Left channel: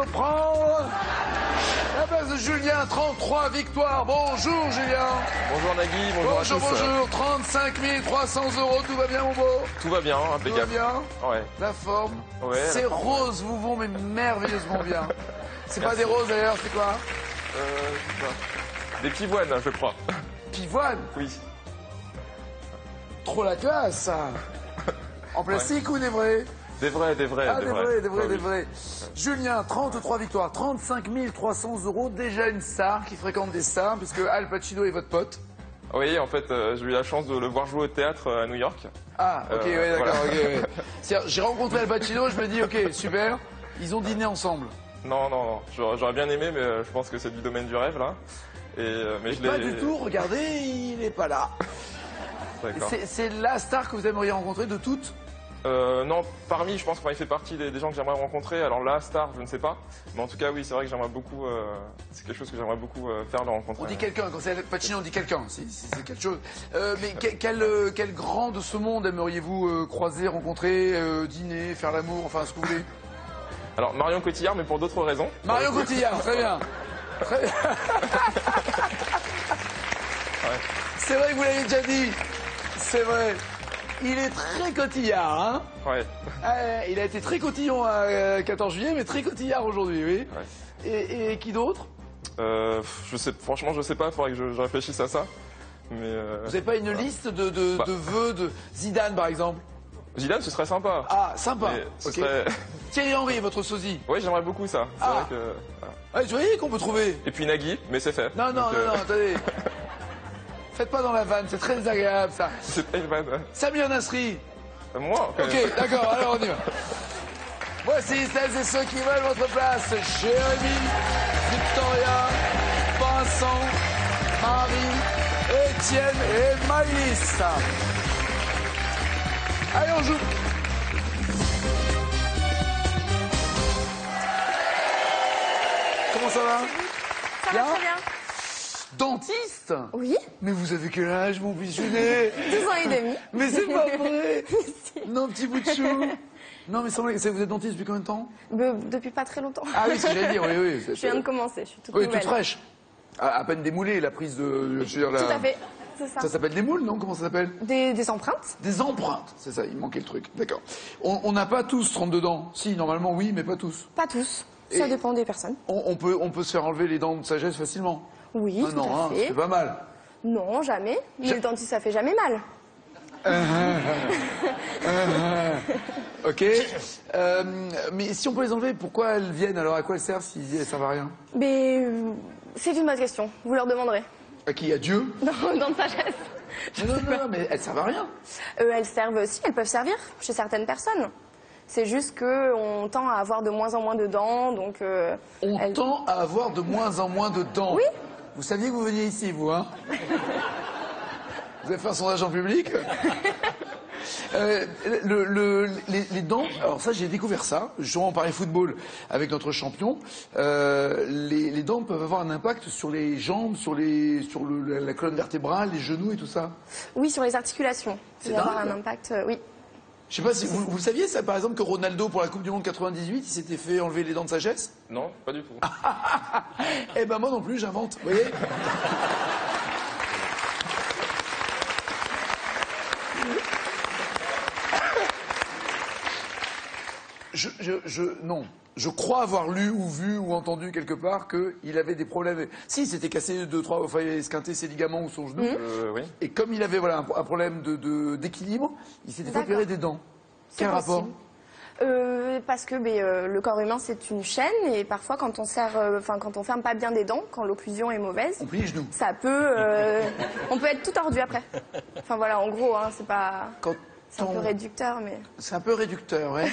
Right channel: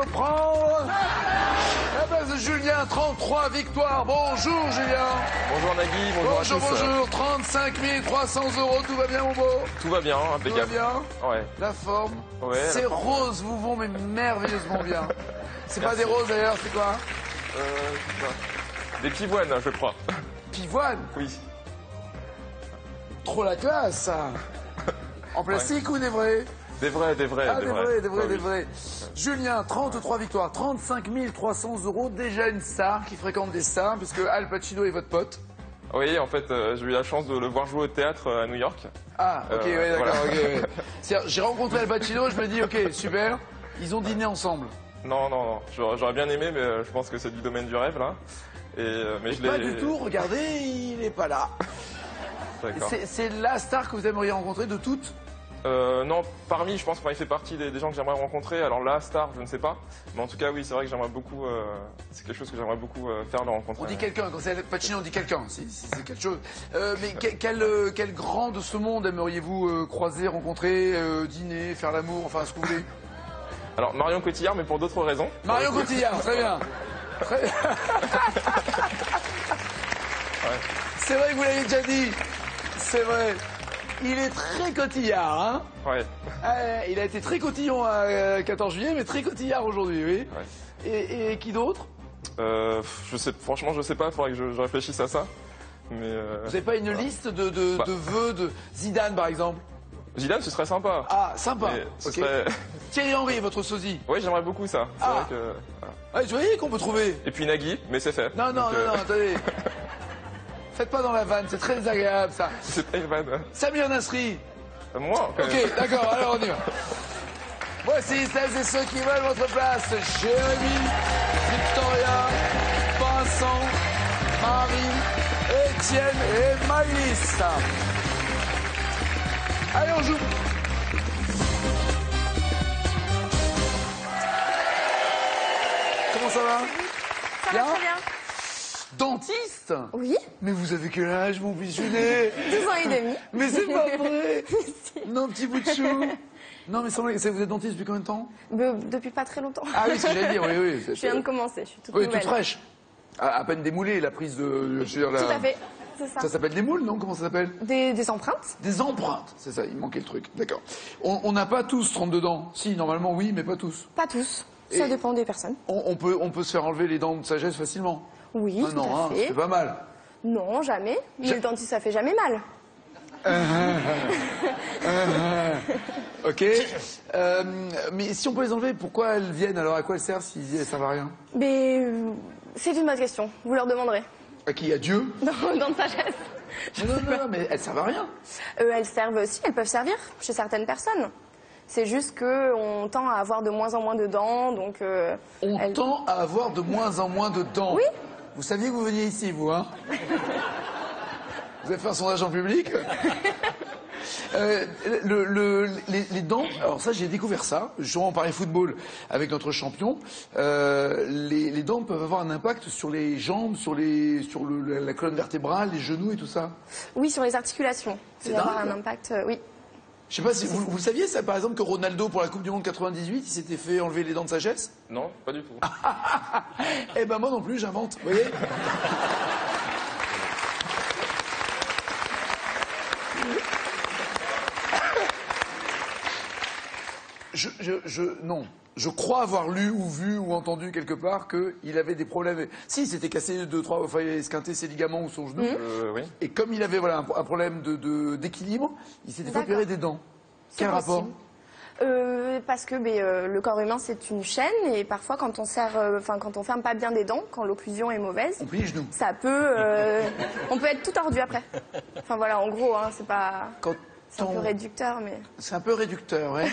peut prendre la place de Julien, 33 victoires. Bonjour Julien. Bonjour Nagui, bonjour à tous. Bonjour, 35 300 €, tout va bien mon beau? Tout va bien, impeccable. Tout va bien? Ouais. La forme? Ouais. Ces roses vous vont mais merveilleusement bien. C'est pas Merci. des roses d'ailleurs, c'est quoi? Des pivoines, je crois. Pivoine? Oui. Trop la classe ça. En plastique ou des vrais? Des vrais. Ah, des vrais. Ah, oui. Julien, 33 victoires, 35 300 €, déjà une star qui fréquente des stars, puisque Al Pacino est votre pote. Oui, en fait, j'ai eu la chance de le voir jouer au théâtre à New York. Ah, ok, ouais, d'accord, voilà. ok. Ouais. C'est-à-dire, j'ai rencontré Al Pacino, je me dis, ok, super, ils ont dîné ensemble. Non. J'aurais bien aimé, mais je pense que c'est du domaine du rêve, là. Mais je l'ai... Pas du tout, regardez, il n'est pas là. D'accord. C'est la star que vous aimeriez rencontrer de toutes? Non, parmi, je pense qu'il fait partie des gens que j'aimerais rencontrer. Alors là, star, je ne sais pas. Mais en tout cas, oui, c'est vrai que j'aimerais beaucoup... c'est quelque chose que j'aimerais beaucoup faire, le rencontrer. On dit quelqu'un, quand c'est Pacino, on dit quelqu'un, c'est quelque chose. Mais quel grand de ce monde aimeriez-vous croiser, rencontrer, dîner, faire l'amour, enfin ce que vous voulez? Alors, Marion Cotillard, mais pour d'autres raisons. Marion Cotillard, très bien. Très bien. C'est vrai que vous l'avez déjà dit. C'est vrai. Il est très cotillard, hein? Ouais. Il a été très cotillon à 14 juillet, mais très cotillard aujourd'hui, oui. Ouais. Et qui d'autre? Franchement, je sais pas, il faudrait que je réfléchisse à ça. Mais Vous n'avez pas une liste de vœux de Zidane, par exemple? Zidane, ce serait sympa. Ah, sympa. Mais ce Ok. serait- Thierry Henry, votre sosie. Oui, j'aimerais beaucoup ça. C'est Ah. vrai que... voilà. Ah, vous voyez qu'on peut trouver. Et puis Nagui, mais c'est fait. Non, Donc, attendez. Faites pas dans la vanne, c'est très désagréable ça. C'est pas une vanne. Samir Nasri. Moi, Ok, d'accord, alors on y va. Voici celles et ceux qui veulent votre place. Jérémy, Victoria, Vincent, Marie, Étienne et Maïlis. Allez, on joue. Comment ça va? Bien? Très bien. Dentiste? Oui, Mais vous avez quel âge, mon bichonnet? 10 ans et demi. Mais c'est pas vrai. Non, petit bout de chou. Non, mais vous êtes dentiste depuis combien de temps? Depuis pas très longtemps. Ah oui, c'est ce que j'allais dire, oui. Je viens de commencer, je suis toute Oui, nouvelle. toute fraîche. À peine démoulée, la prise de... je veux dire, Tout à fait, c'est ça. Ça s'appelle des moules, non? Comment ça s'appelle? Des empreintes. Des empreintes, c'est ça, il manquait le truc. D'accord. On n'a pas tous 32 dents. Si, normalement, oui, mais pas tous. Pas tous, ça Et- dépend des personnes. On peut se faire enlever les dents de sagesse facilement. Oui, Ah tout non, à hein, fait. c'est pas mal. Non, jamais. Mais le dentiste, ça fait jamais mal. Ok. Mais si on peut les enlever, pourquoi elles viennent alors? À quoi elles servent si elles servent à rien? Mais c'est une bonne question, vous leur demanderez. À qui? À Dieu? Dans ta chaise. Non, mais elles servent à rien. Elles servent aussi, elles peuvent servir chez certaines personnes. C'est juste qu'on tend à avoir de moins en moins de dents, donc... On elles- tend à avoir de moins en moins de dents. Oui. Vous saviez que vous veniez ici, vous, hein? Vous avez fait un sondage en public? Les dents, alors ça j'ai découvert ça, justement en Paris Football avec notre champion, les dents peuvent avoir un impact sur les jambes, sur la colonne vertébrale, les genoux et tout ça. Oui, sur les articulations. C'est Il va avoir dingue. un impact, oui. Je sais pas si vous saviez ça par exemple que Ronaldo pour la Coupe du Monde 98 il s'était fait enlever les dents de sagesse? Non, pas du tout. Eh ben moi non plus j'invente, vous voyez? Non. Je crois avoir lu ou vu ou entendu quelque part qu'il avait des problèmes. Si, il s'était cassé deux, trois, enfin, il esquinté ses ligaments ou son genou. Oui. Et comme il avait voilà, un problème d'équilibre, il s'était fait D'accord. opérer des dents. C'est Quel rapport? possible. Parce que le corps humain c'est une chaîne et parfois quand on quand on ferme pas bien des dents, quand l'occlusion est mauvaise, On plie les genoux. ça peut, on peut être tout tordu après. Enfin voilà, en gros, hein, c'est pas, c'est un peu réducteur, mais. C'est un peu réducteur, hein.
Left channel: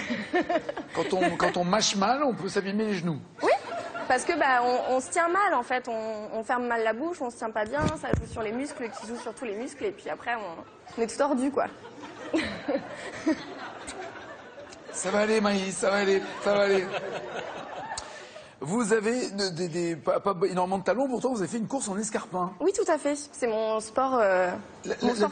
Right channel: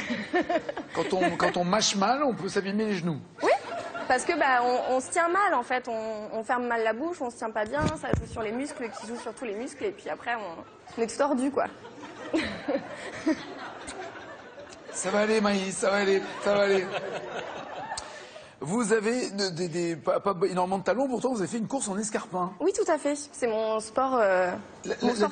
Quand on mâche mal, on peut s'abîmer les genoux. Oui, parce que on se tient mal en fait, on ferme mal la bouche, on se tient pas bien, ça joue sur les muscles, qui joue sur tous les muscles et puis après on est tordu quoi. Ça va aller, Maïs, ça va aller, ça va aller. Vous avez pas énormément de talons, pourtant vous avez fait une course en escarpin. Oui, tout à fait, c'est mon sport,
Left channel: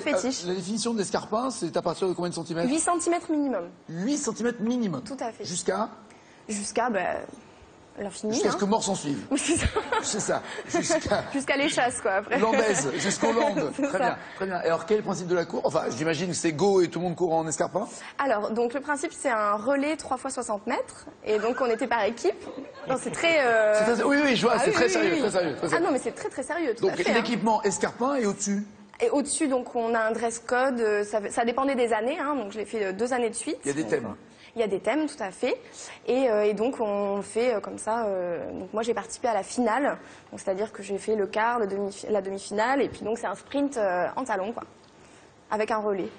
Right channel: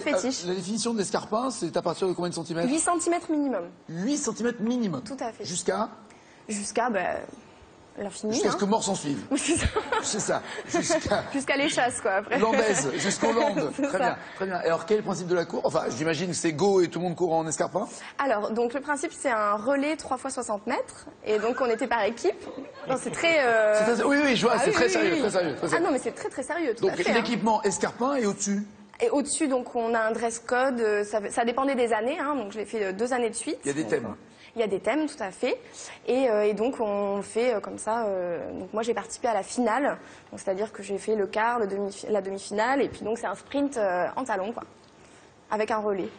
fétiche. La définition de l'escarpin, c'est à partir de combien de centimètres? 8 cm minimum. 8 cm minimum. Tout à fait. Jusqu'à Jusqu'à l'infini. Jusqu'à ce Hein. que mort s'en suive. C'est ça. Jusqu'à l'échasse, quoi, après. Landaise, jusqu'aux Landes. C'est Très ça. bien, très bien. Et alors, quel est le principe de la course? Enfin, j'imagine que c'est go et tout le monde court en escarpin. Alors, donc le principe, c'est un relais 3 fois 60 mètres. Et donc, on était par équipe. Non, c'est très... Oui, oui, je vois, c'est oui, très oui, sérieux, oui. très sérieux. Très Ah sérieux. non, mais c'est très, très sérieux. Tout à Donc, fait, hein. l'équipement escarpin et au-dessus, Et au-dessus, donc, on a un dress code. Ça dépendait des années, hein, donc je l'ai fait 2 années de suite. il y a des Donc, thèmes. il y a des thèmes, tout à fait. Et donc, on fait comme ça. Donc, moi, j'ai participé à la finale. Donc, c'est-à-dire que j'ai fait le quart, la demi-finale. Et puis, donc, c'est un sprint en talons, quoi. Avec un relais.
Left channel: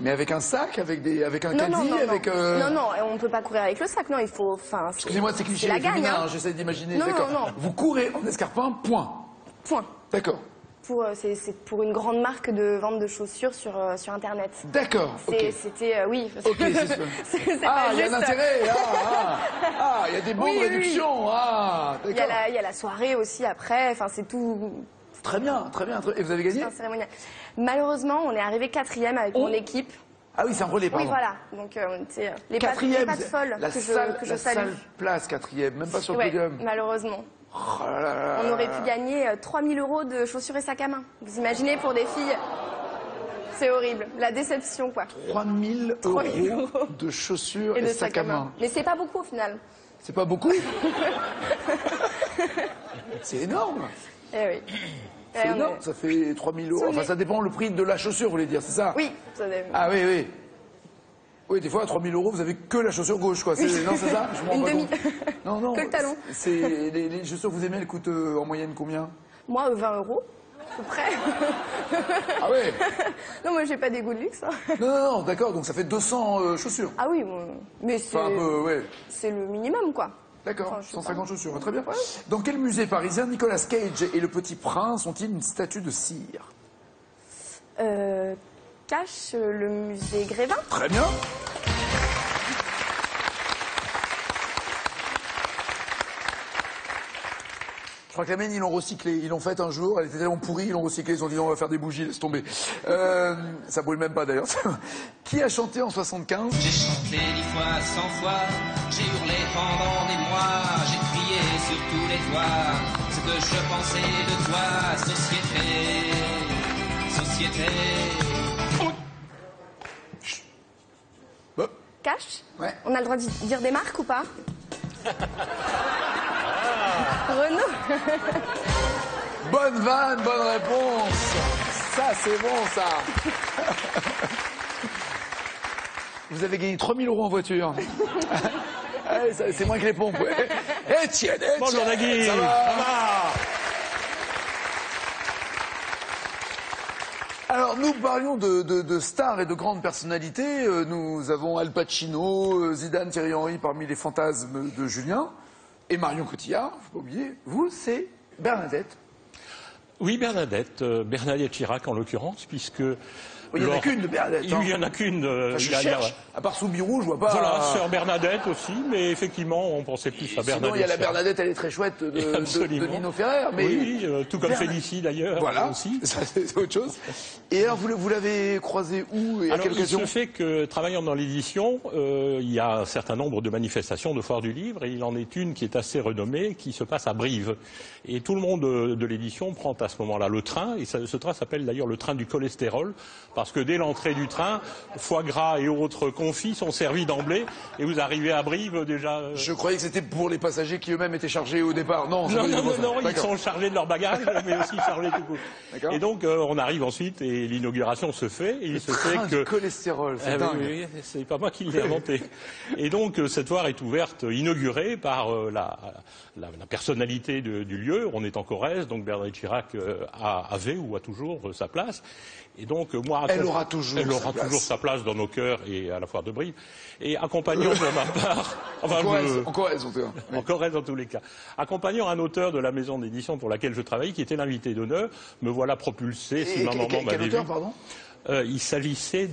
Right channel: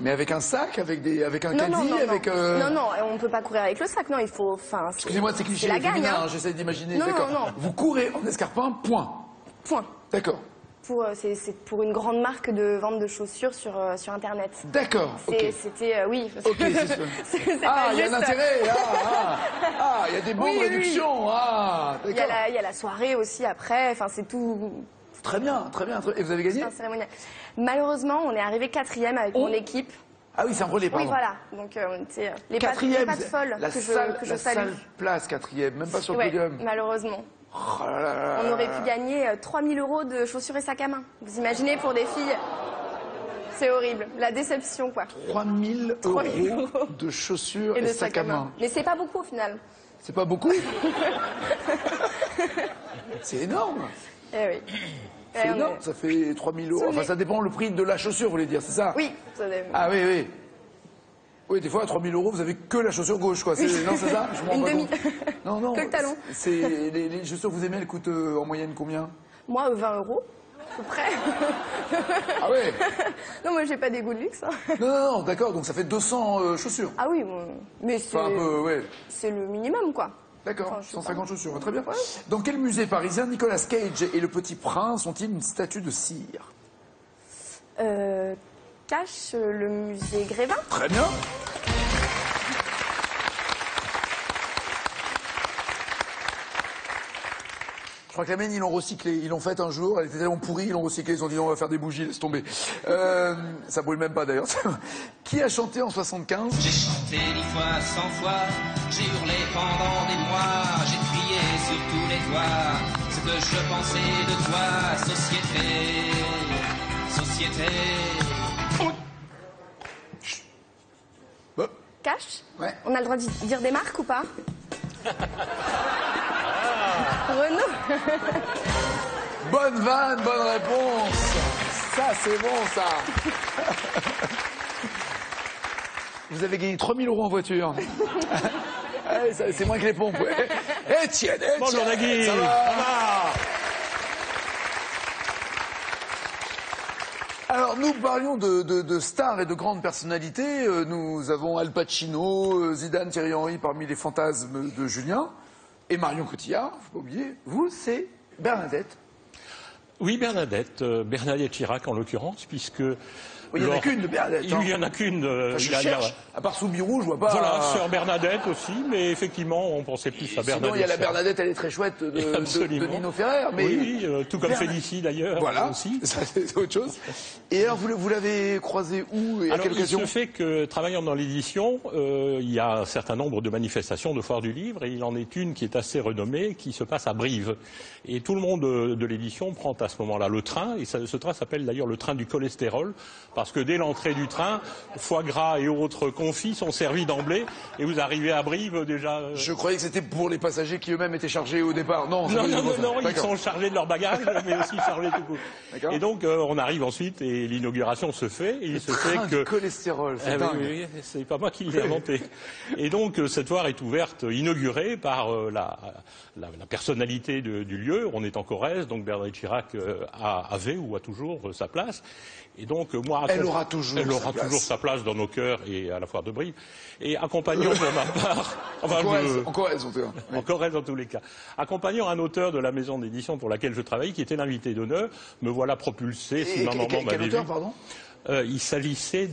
Mais avec un sac, avec un Non, caddie, non, non, avec... non, non, on ne peut pas courir avec le sac. Non, il faut... Enfin, Excusez-moi, c'est cliché la gagne, féminin, hein. j'essaie d'imaginer. Non, D'accord. non. Vous courez en escarpin, point. Point. D'accord. C'est pour une grande marque de vente de chaussures sur Internet. D'accord, ok. C'était, oui. Ok, c'est ça. C'est Ah, pas il y a un juste- intérêt. Ah, il y a des bonnes Oui, oui, réductions. Ah, Il y, d'accord. il y a la soirée aussi après. Enfin, c'est tout. Très bien, très bien. Et vous avez gagné? C'est un cérémonial. Malheureusement, on est arrivé 4e avec mon équipe. Ah oui, c'est un relais, Oui, pardon. voilà. Donc, c'est les pattes Quatrième, folles la que salle, je la salue. salle place, quatrième, même pas sur le Ouais, podium. malheureusement. Oh là là là On là aurait là. pu gagner 3 000 € de chaussures et sacs à main. Vous imaginez pour des filles? C'est horrible. La déception, quoi. 3 000 3 000 € de chaussures Et et des sacs à main. Mais c'est pas beaucoup au final. C'est pas beaucoup? C'est énorme. Eh oui. C'est énorme. Ça fait 3 000 €. Enfin, ça dépend le prix de la chaussure, vous voulez dire, c'est ça? Oui. Ah oui, oui. Oui, des fois, à 3 000 €, vous avez que la chaussure gauche, quoi. Non, c'est ça? Je m'en rends Une pas demi. compte. Non, non. Que le talon. Les chaussures que vous aimez, elles coûtent en moyenne combien? Moi, 20 €. À peu près. Ah ouais. Non, moi, j'ai pas des goûts de luxe. Hein. Non, non, non, d'accord. Donc, ça fait 200 chaussures. Ah oui, bon, mais c'est Enfin, un peu, ouais. c'est le minimum, quoi. D'accord, Enfin, je sais 150 pas. chaussures, très bien. Dans quel musée parisien Nicolas Cage et le Petit Prince ont-ils une statue de cire? Cache le musée Grévin. Très bien. Je crois que la mienne, ils l'ont recyclé. Ils l'ont fait un jour, elle était tellement pourrie, ils l'ont recyclé. Ils ont dit, on va faire des bougies, laisse tomber. Ça brûle même pas d'ailleurs. Qui a chanté en 75? J'ai chanté 10 fois, 100 fois, j'ai hurlé pendant des mois, j'ai crié sur tous les toits, ce que je pensais de toi, société, société. Bah, Cache. Ouais. On a le droit de dire des marques ou pas? Renault. bonne vanne, bonne réponse. Ça, c'est bon, ça. Vous avez gagné 3 000 € en voiture. Ah oui, c'est moins que les pompes. Etienne, Bonjour Nagui. ça va? Alors, nous parlions de stars et de grandes personnalités. Nous avons Al Pacino, Zidane, Thierry Henry parmi les fantasmes de Julien. Et Marion Cotillard, faut pas oublier. Vous, c'est Bernadette. Oui, Bernadette Chirac en l'occurrence, puisque... Il n'y en a qu'une de Bernadette. Il n'y en a qu'une. Enfin, je cherche. À part Soubirou, je vois pas. Voilà, sœur Bernadette aussi, mais effectivement, on pensait plus à Bernadette. Sinon, il y a la Chirac. Bernadette, elle est très chouette, de Absolument. Nino Ferrer. Mais... Oui, tout comme Voilà. Félicie d'ailleurs. Voilà, Aussi. ça, c'est autre chose. Et alors, vous l'avez croisé où et à Alors, quelle il occasion? se fait que, travaillant dans l'édition, il y a un certain nombre de manifestations de foire du livre, et il en est une qui est assez renommée, qui se passe à Brive. Et tout le monde de l'édition prend à ce moment-là le train, et ce train s'appelle d'ailleurs le train du cholestérol, parce que dès l'entrée du train, foie gras et autres confits sont servis d'emblée, et vous arrivez à Brive déjà... Je croyais que c'était pour les passagers qui eux-mêmes étaient chargés au départ. Non, c'est Non, pas non, du tout non, ça. non, ils D'accord. sont chargés de leur bagage, mais aussi chargés tout court. D'accord. Et donc, on arrive ensuite, et l'inauguration se fait, et il se fait Train que... du cholestérol, c'est Ah dingue. oui, oui, c'est pas moi qui l'ai inventé. Et donc, cette foire est ouverte, inaugurée par la personnalité du lieu. On est en Corrèze, donc Bernadette Chirac avait ou a toujours sa place. Et donc, moi, Elle aura toujours elle sa aura place. toujours sa place dans nos cœurs et à la foire de Brive. Et accompagnant pour ma part, enfin, En Corrèze, en tout cas. en Corrèze dans tous les cas. Accompagnant un auteur de la maison d'édition pour laquelle je travaille, qui était l'invité d'honneur, me voilà propulsé, si Et ma maman quel m'avait auteur, vu. pardon? Il s'agissait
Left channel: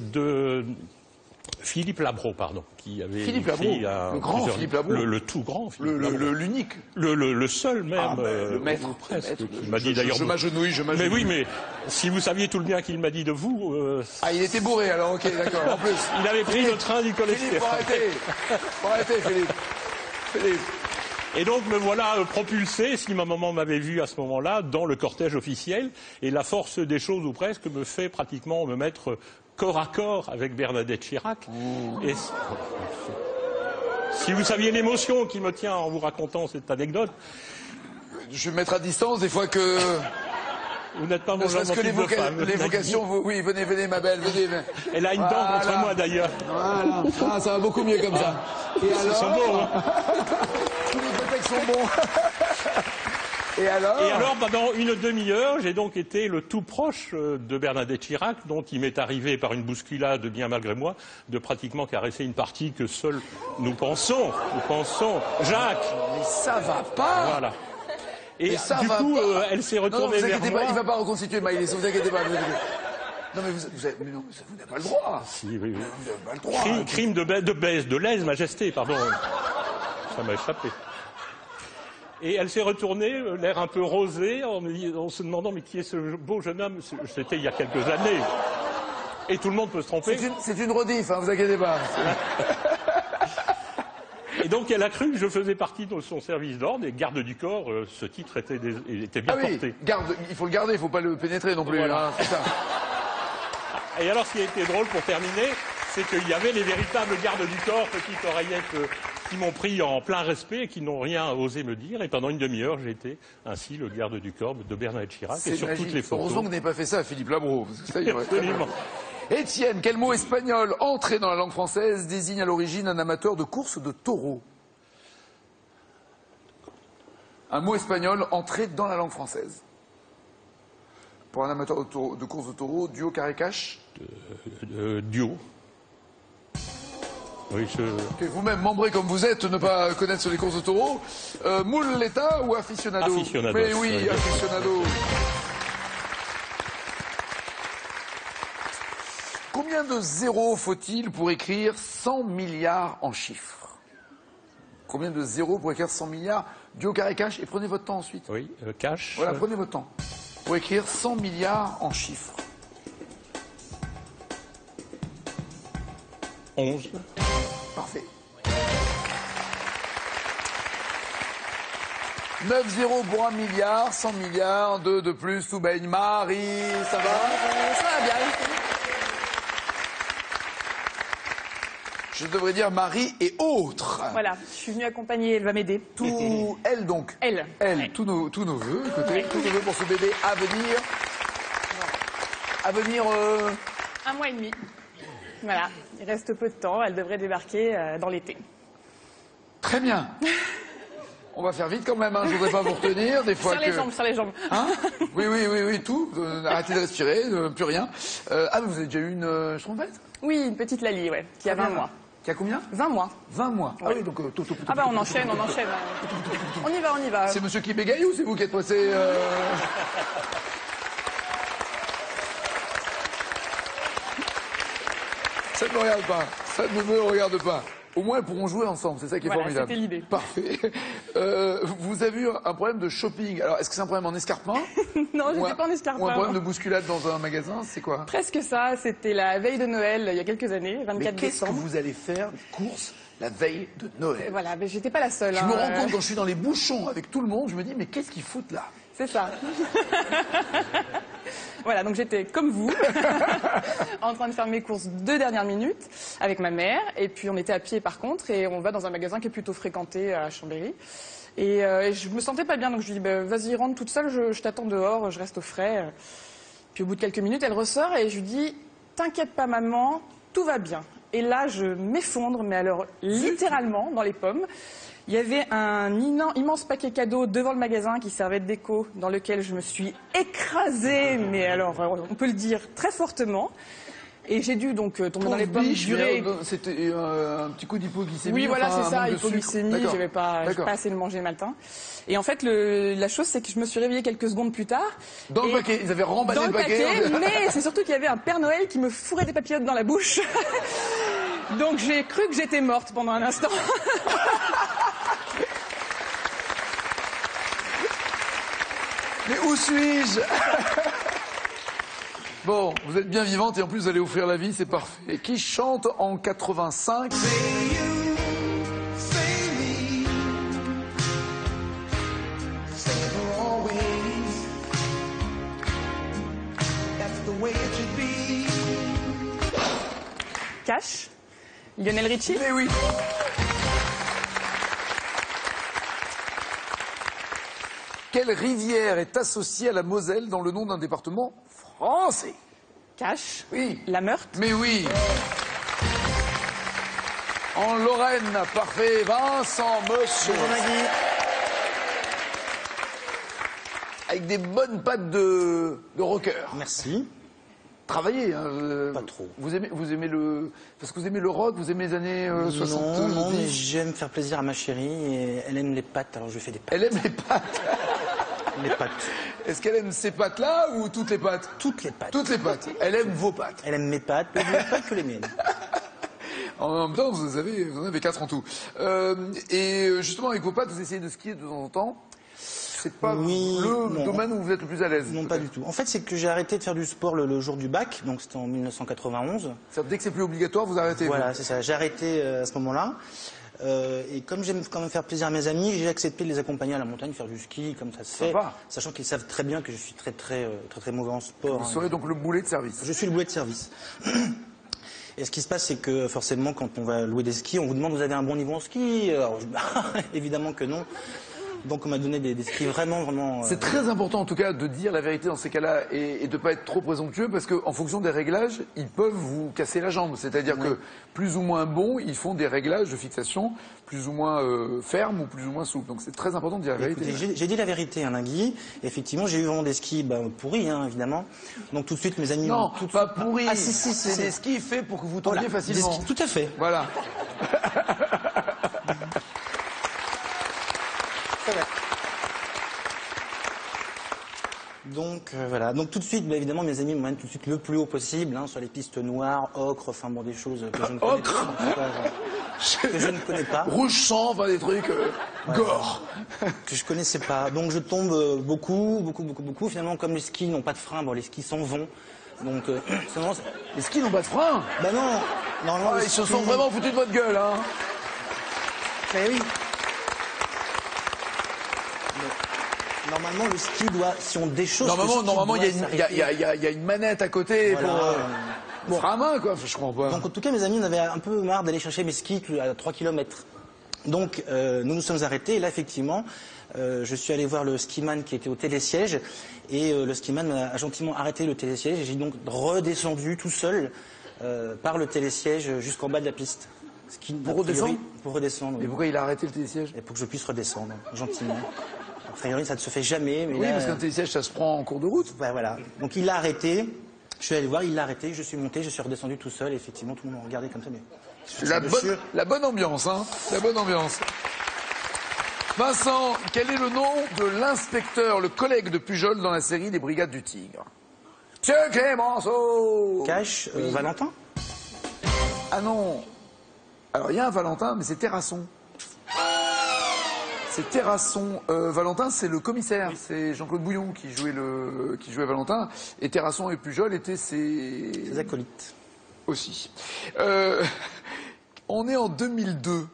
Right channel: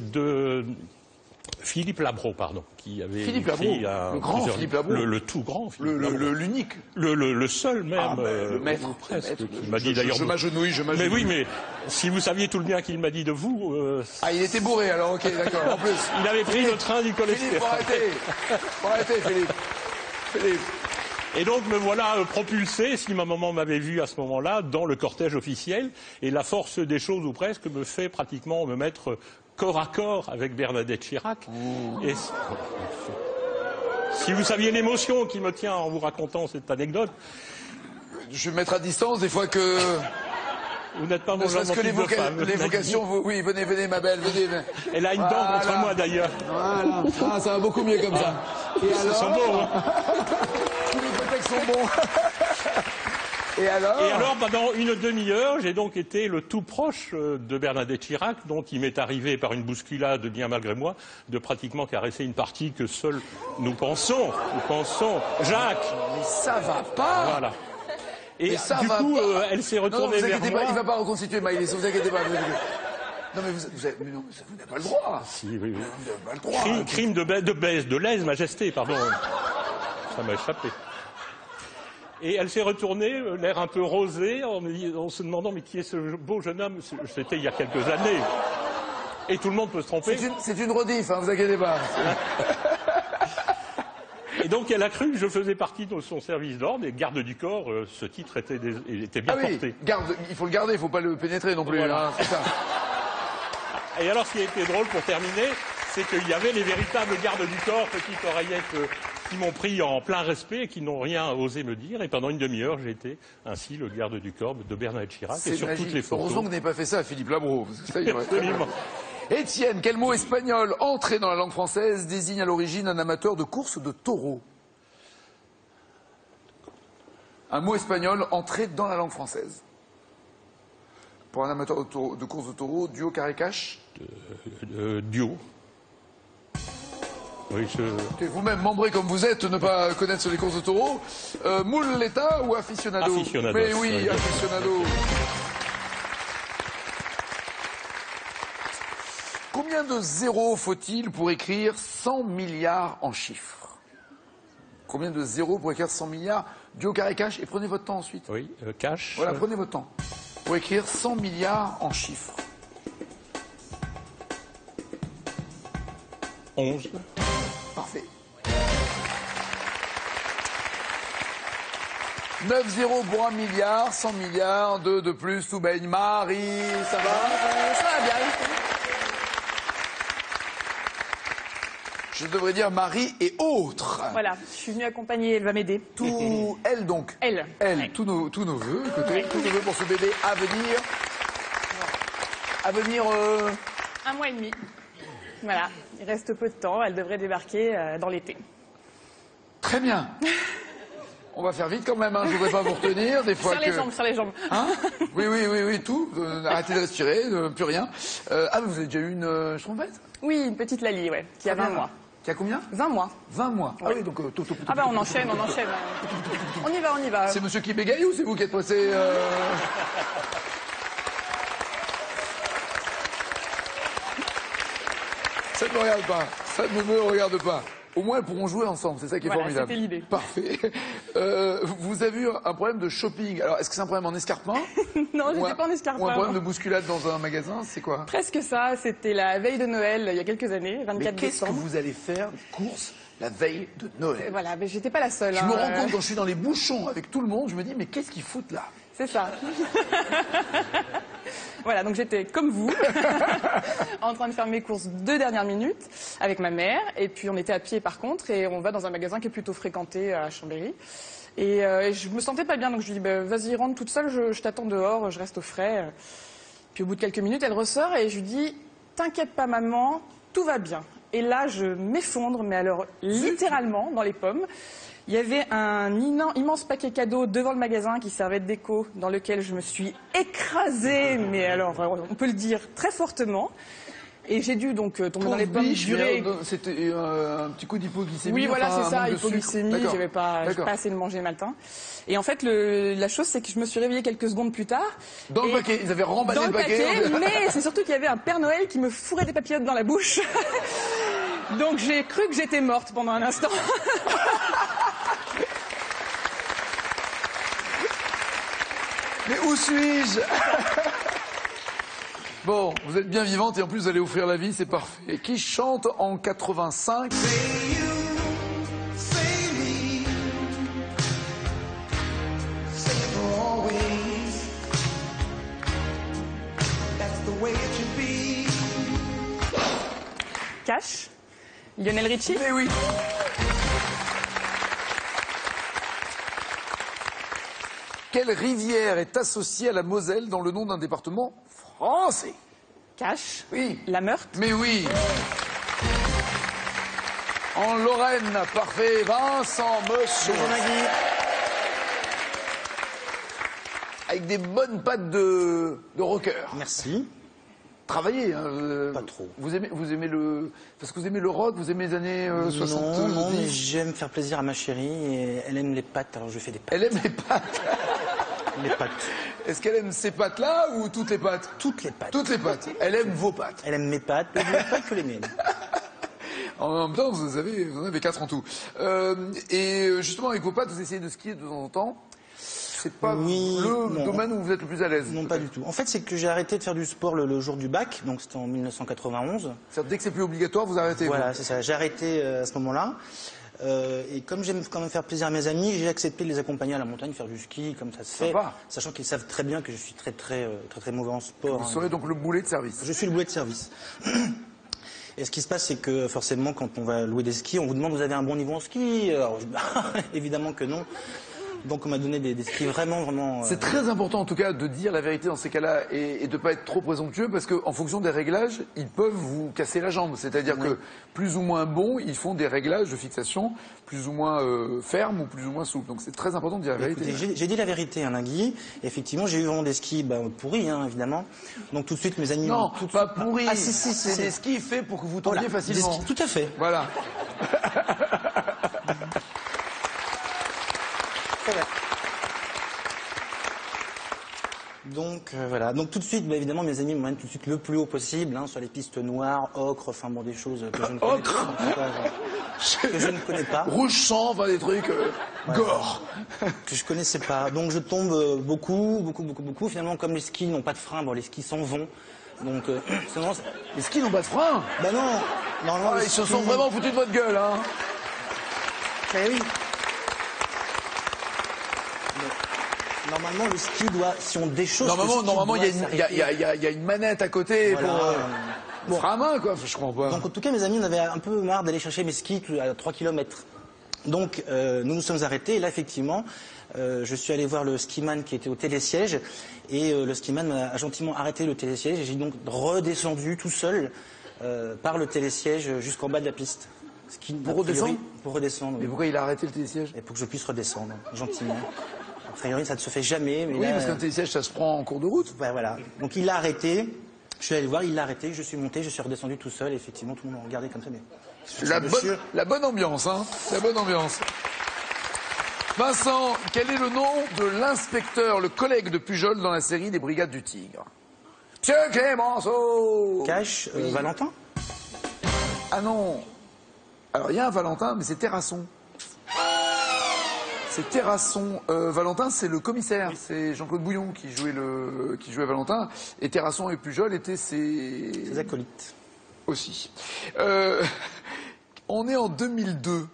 Philippe Labro, pardon, qui avait Philippe Labro, le grand Philippe Labro. Le tout grand Philippe Labro. L'unique. Le seul même, le maître. presque, qui m'a dit d'ailleurs... Je m'agenouille. Mais oui, mais si vous saviez tout le bien qu'il m'a dit de vous... il était bourré alors, ok, d'accord, en plus. Il avait pris le train du cholestérol. Faut arrêter, Philippe. Et donc me voilà propulsé, si ma maman m'avait vu à ce moment-là, dans le cortège officiel, et la force des choses ou presque me fait pratiquement me mettre corps à corps avec Bernadette Chirac. Et si vous saviez l'émotion qui me tient en vous racontant cette anecdote... Je vais me mettre à distance des fois que... Vous n'êtes pas mon genre de femme. L'évocation, oui, venez ma belle, venez. Elle a une dent contre moi d'ailleurs. Voilà, ça va beaucoup mieux comme ça. Ils sont beaux, hein. Tous les contextes sont bons. Et alors, pendant une demi-heure, j'ai donc été le tout proche de Bernadette Chirac, dont il m'est arrivé par une bousculade, bien malgré moi, de pratiquement caresser une partie que seuls nous pensons. Jacques. Mais ça va pas. Voilà. Et ça du va coup, pas. elle s'est retournée vers moi. Il ne va pas reconstituer Maïlis, vous inquiétez pas. Non mais vous n'avez pas le droit. Si, oui. Vous n'avez pas le droit. Crime de lèse-majesté, pardon. Ça m'a échappé. Et elle s'est retournée, l'air un peu rosé, en se demandant mais qui est ce beau jeune homme. C'était il y a quelques années. Et tout le monde peut se tromper. C'est une rediff, hein, vous inquiétez pas. Et donc elle a cru que je faisais partie de son service d'ordre et garde du corps, ce titre était bien porté. Il faut le garder, il ne faut pas le pénétrer non plus. Voilà. Hein, c'est ça. Et alors ce qui était drôle pour terminer, c'est qu'il y avait les véritables gardes du corps, petites oreillettes, qui m'ont pris en plein respect et qui n'ont rien osé me dire. Et pendant une demi-heure, j'étais ainsi le garde du corps de Bernadette Chirac. Et sur toutes les photos. Heureusement que vous n'avez pas fait ça à Philippe Labro. Absolument. Étienne, quel mot espagnol entré dans la langue française désigne à l'origine un amateur de course de taureaux? Un mot espagnol entré dans la langue française. Pour un amateur de course de taureaux, duo carré-cache? Duo. Oui, vous-même, membré comme vous êtes, ne pas connaître les courses de taureaux. Muleta ou aficionado? Aficionado. Mais oui, aficionado. Combien de zéros faut-il pour écrire 100 milliards en chiffres? Combien de zéros pour écrire 100 milliards? Duo carré cash, et prenez votre temps ensuite. Oui, cash. Voilà, prenez votre temps. Pour écrire 100 milliards en chiffres. 11. Parfait. 9 zéros pour 1 milliard, 100 milliards, 2 de plus, tout baigne. Marie, ça va? Ça va bien. Je devrais dire Marie et autres. Voilà, je suis venue accompagner, elle va m'aider. Tout, elle donc. Elle. Tous nos vœux, peut-être, tous nos vœux pour ce bébé à venir. À venir. 1 mois et demi. Voilà, il reste peu de temps, elle devrait débarquer dans l'été. Très bien. On va faire vite quand même, hein. Je ne voudrais pas vous retenir. Des fois sur les jambes. Hein? Oui, tout. Arrêtez de respirer, plus rien. Ah, vous avez déjà eu une trompette? Oui, une petite Lali, ouais, qui a 20 mois. Qui a combien? 20 mois. 20 mois. Ouais. Ah oui, donc tout. Ah ben on enchaîne. On y va. C'est monsieur qui bégaye ou c'est vous qui êtes passé Ça ne me regarde pas. Ça ne me regarde pas. Au moins, elles pourront jouer ensemble, c'est ça qui est formidable. C'était l'idée. Parfait. Vous avez eu un problème de shopping. Alors, est-ce que c'est un problème en escarpement? Non, je n'étais pas en escarpement. Ou un problème de bousculade dans un magasin, c'est quoi? Presque ça, c'était la veille de Noël, il y a quelques années, 24 Mais qu'est-ce que décembre. vous allez faire de courses la veille de Noël? Voilà, mais j'étais pas la seule. Je me rends compte quand je suis dans les bouchons avec tout le monde, je me dis, mais qu'est-ce qu'ils foutent là? C'est ça. Voilà, donc j'étais comme vous, en train de faire mes courses 2 dernières minutes avec ma mère. Et puis on était à pied par contre, et on va dans un magasin qui est plutôt fréquenté à Chambéry. Et je me sentais pas bien, donc je lui dis, bah, vas-y, rentre toute seule, je t'attends dehors, je reste au frais. Puis au bout de quelques minutes, elle ressort et je lui dis, t'inquiète pas maman, tout va bien. Et là, je m'effondre, mais alors littéralement dans les pommes. Il y avait un immense paquet cadeau devant le magasin qui servait de déco, dans lequel je me suis écrasée, mais alors on peut le dire très fortement. Et j'ai dû donc tomber dans les pommes, jurer. C'était un petit coup d'hypoglycémie. Oui, voilà, enfin, c'est ça, hypoglycémie, j'avais pas assez de manger le matin. Et en fait, la chose, c'est que je me suis réveillée quelques secondes plus tard. Dans le paquet, ils avaient remballé dans le paquet. Mais c'est surtout qu'il y avait un Père Noël qui me fourrait des papillotes dans la bouche. Donc j'ai cru que j'étais morte pendant un instant. Mais où suis-je? Bon, vous êtes bien vivante et en plus vous allez offrir la vie, c'est parfait. Et qui chante en 85? Cash, Lionel Richie. Eh oui. Quelle rivière est associée à la Moselle dans le nom d'un département français? Cash, Oui. La Meurthe. Mais oui. En Lorraine, parfait. Vincent Moche. Avec des bonnes pattes de rocker. Merci. Travaillez. Hein, Pas trop. Vous aimez le... Parce que vous aimez le rock, vous aimez les années 60. Non, mais j'aime faire plaisir à ma chérie et elle aime les pâtes, alors je fais des pâtes. Elle aime les pâtes. Les pâtes. Est-ce qu'elle aime ces pâtes-là ou toutes les pâtes? Toutes les pâtes. Toutes les pâtes. Elle aime vos pâtes. Elle aime mes pâtes, mais pas que les miennes. En même temps, vous en avez 4 en tout. Et justement, avec vos pâtes, vous essayez de skier de temps en temps. C'est pas le domaine où vous êtes le plus à l'aise. Non, pas du tout. En fait, c'est que j'ai arrêté de faire du sport le jour du bac, donc c'était en 1991. Dès que c'est plus obligatoire, vous arrêtez. Voilà, c'est ça. J'ai arrêté à ce moment-là. Et comme j'aime quand même faire plaisir à mes amis, j'ai accepté de les accompagner à la montagne, faire du ski, comme ça se fait. Sachant qu'ils savent très bien que je suis très mauvais en sport. Vous serez donc le boulet de service. Je suis le boulet de service. Et ce qui se passe, c'est que forcément, quand on va louer des skis, on vous demande vous avez un bon niveau en ski. Alors, évidemment que non. Donc on m'a donné des skis vraiment... C'est très important en tout cas de dire la vérité dans ces cas-là et de ne pas être trop présomptueux parce qu'en fonction des réglages, ils peuvent vous casser la jambe. C'est-à-dire que plus ou moins bons, ils font des réglages de fixation plus ou moins fermes ou plus ou moins souples. Donc c'est très important de dire la vérité. Écoutez, j'ai dit la vérité lundi. Effectivement, j'ai eu vraiment des skis pourris, évidemment. Donc tout de suite, mes amis... Non, pas pourris. Ah, si, c'est des skis faits pour que vous tombiez facilement. Tout à fait. Voilà. Donc voilà. Donc tout de suite, évidemment, mes amis m'emmènent tout de suite le plus haut possible, sur les pistes noires, ocre, enfin bon, des choses que je ne connais pas. Que je ne connais pas. Rouge sang, des trucs gore. Que je connaissais pas. Donc je tombe beaucoup. Finalement, comme les skis n'ont pas de frein, les skis s'en vont. Donc les skis n'ont pas de frein. Bah non. Normalement, ils se sont vraiment foutus de votre gueule, hein. Oui. Normalement, le ski doit, si on déchausse... Normalement, il y a une manette à côté pour frein à main, quoi. Je comprends pas. Donc, en tout cas, mes amis, on avait un peu marre d'aller chercher mes skis à 3 km. Donc, nous nous sommes arrêtés. Et là, effectivement, je suis allé voir le skiman qui était au télésiège. Et le skiman m'a gentiment arrêté le télésiège. Et j'ai donc redescendu tout seul par le télésiège jusqu'en bas de la piste. Pour redescendre? Pour redescendre. Et pourquoi il a arrêté le télésiège? Et pour que je puisse redescendre, gentiment. A priori, ça ne se fait jamais. Mais oui, là, parce qu'un télésiège, ça se prend en cours de route. Voilà. Donc il l'a arrêté. Je suis allé le voir, il l'a arrêté. Je suis monté, je suis redescendu tout seul. Et effectivement, tout le monde m'a regardé comme ça. Mais la bonne ambiance, hein. La bonne ambiance. Vincent, quel est le nom de l'inspecteur, le collègue de Pujol dans la série des Brigades du Tigre? C'est Clémenceau. Cash, Valentin? Ah non. Alors il y a un Valentin, mais c'est Terrasson. C'est Terrasson. Valentin, c'est le commissaire. Oui. C'est Jean-Claude Bouillon qui jouait Valentin. Et Terrasson et Pujol étaient ses acolytes. Aussi. On est en 2002.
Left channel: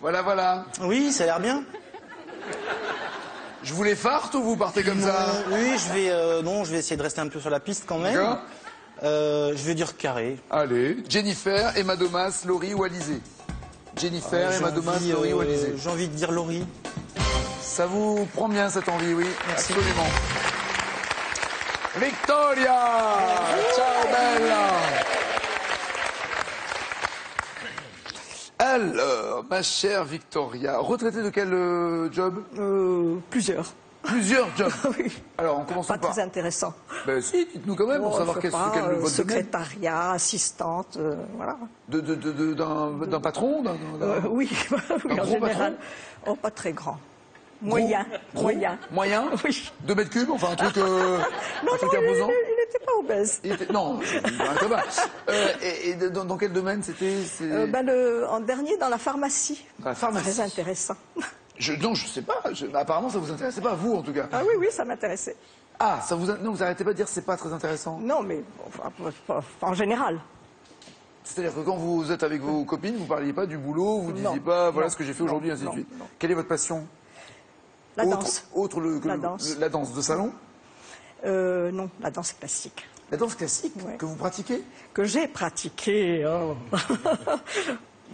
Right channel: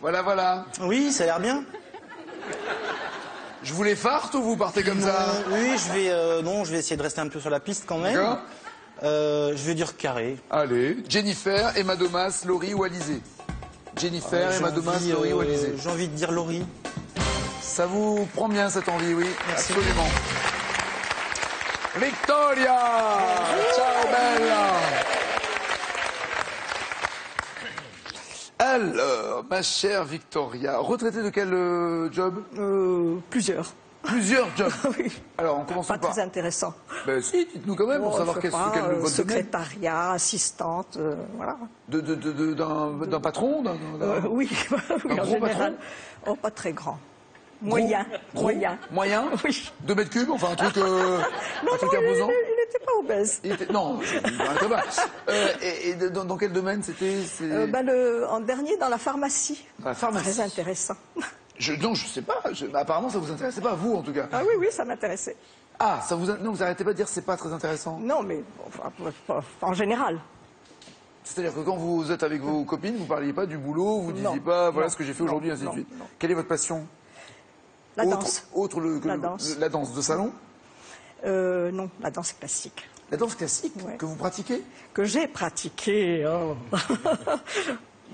Voilà. Oui, ça a l'air bien. Je vous les farte ou vous partez comme ça? Oui, je vais essayer de rester un peu sur la piste quand même. Je vais dire carré. Allez, Jennifer, Emma Domas, Laurie ou Alizé? Jennifer, Emma Domas, Laurie ou Alizé? J'ai envie de dire Laurie. Ça vous prend bien cette envie, oui. Merci. Absolument. Victoria! Ciao bella! Alors, ma chère Victoria, retraitée de quel job? Plusieurs. Plusieurs jobs. Oui. Alors, on commence Pas par... très intéressant. Ben si, dites-nous quand même, pour Bon, savoir je sais quel pas, quel est votre domaine. secrétariat, assistante, voilà. D'un patron Oui, oui, Un en gros général. Oh, pas très grand. Moyen. Moyen. Moyen Oui. 2 mètres cubes, enfin un truc, Non, un truc non, imposant. il n'était pas obèse. Non, très bas. Et dans quel domaine c'était En dernier, dans la pharmacie. Dans la pharmacie. Très intéressant. Non, je sais pas. Apparemment, ça vous intéressait pas, vous en tout cas. Ah oui, oui, ça m'intéressait. Ah, non, vous arrêtez pas de dire que c'est pas très intéressant. Non, mais enfin, en général. C'est-à-dire que quand vous êtes avec vos copines, vous parliez pas du boulot, vous disiez Non, pas voilà non, ce que j'ai fait aujourd'hui, ainsi de non, suite. non. Quelle est votre passion? La danse. Autre La danse. La danse de salon? Non, la danse classique. La danse classique Ouais. que vous pratiquez? Que j'ai pratiquée. Oh.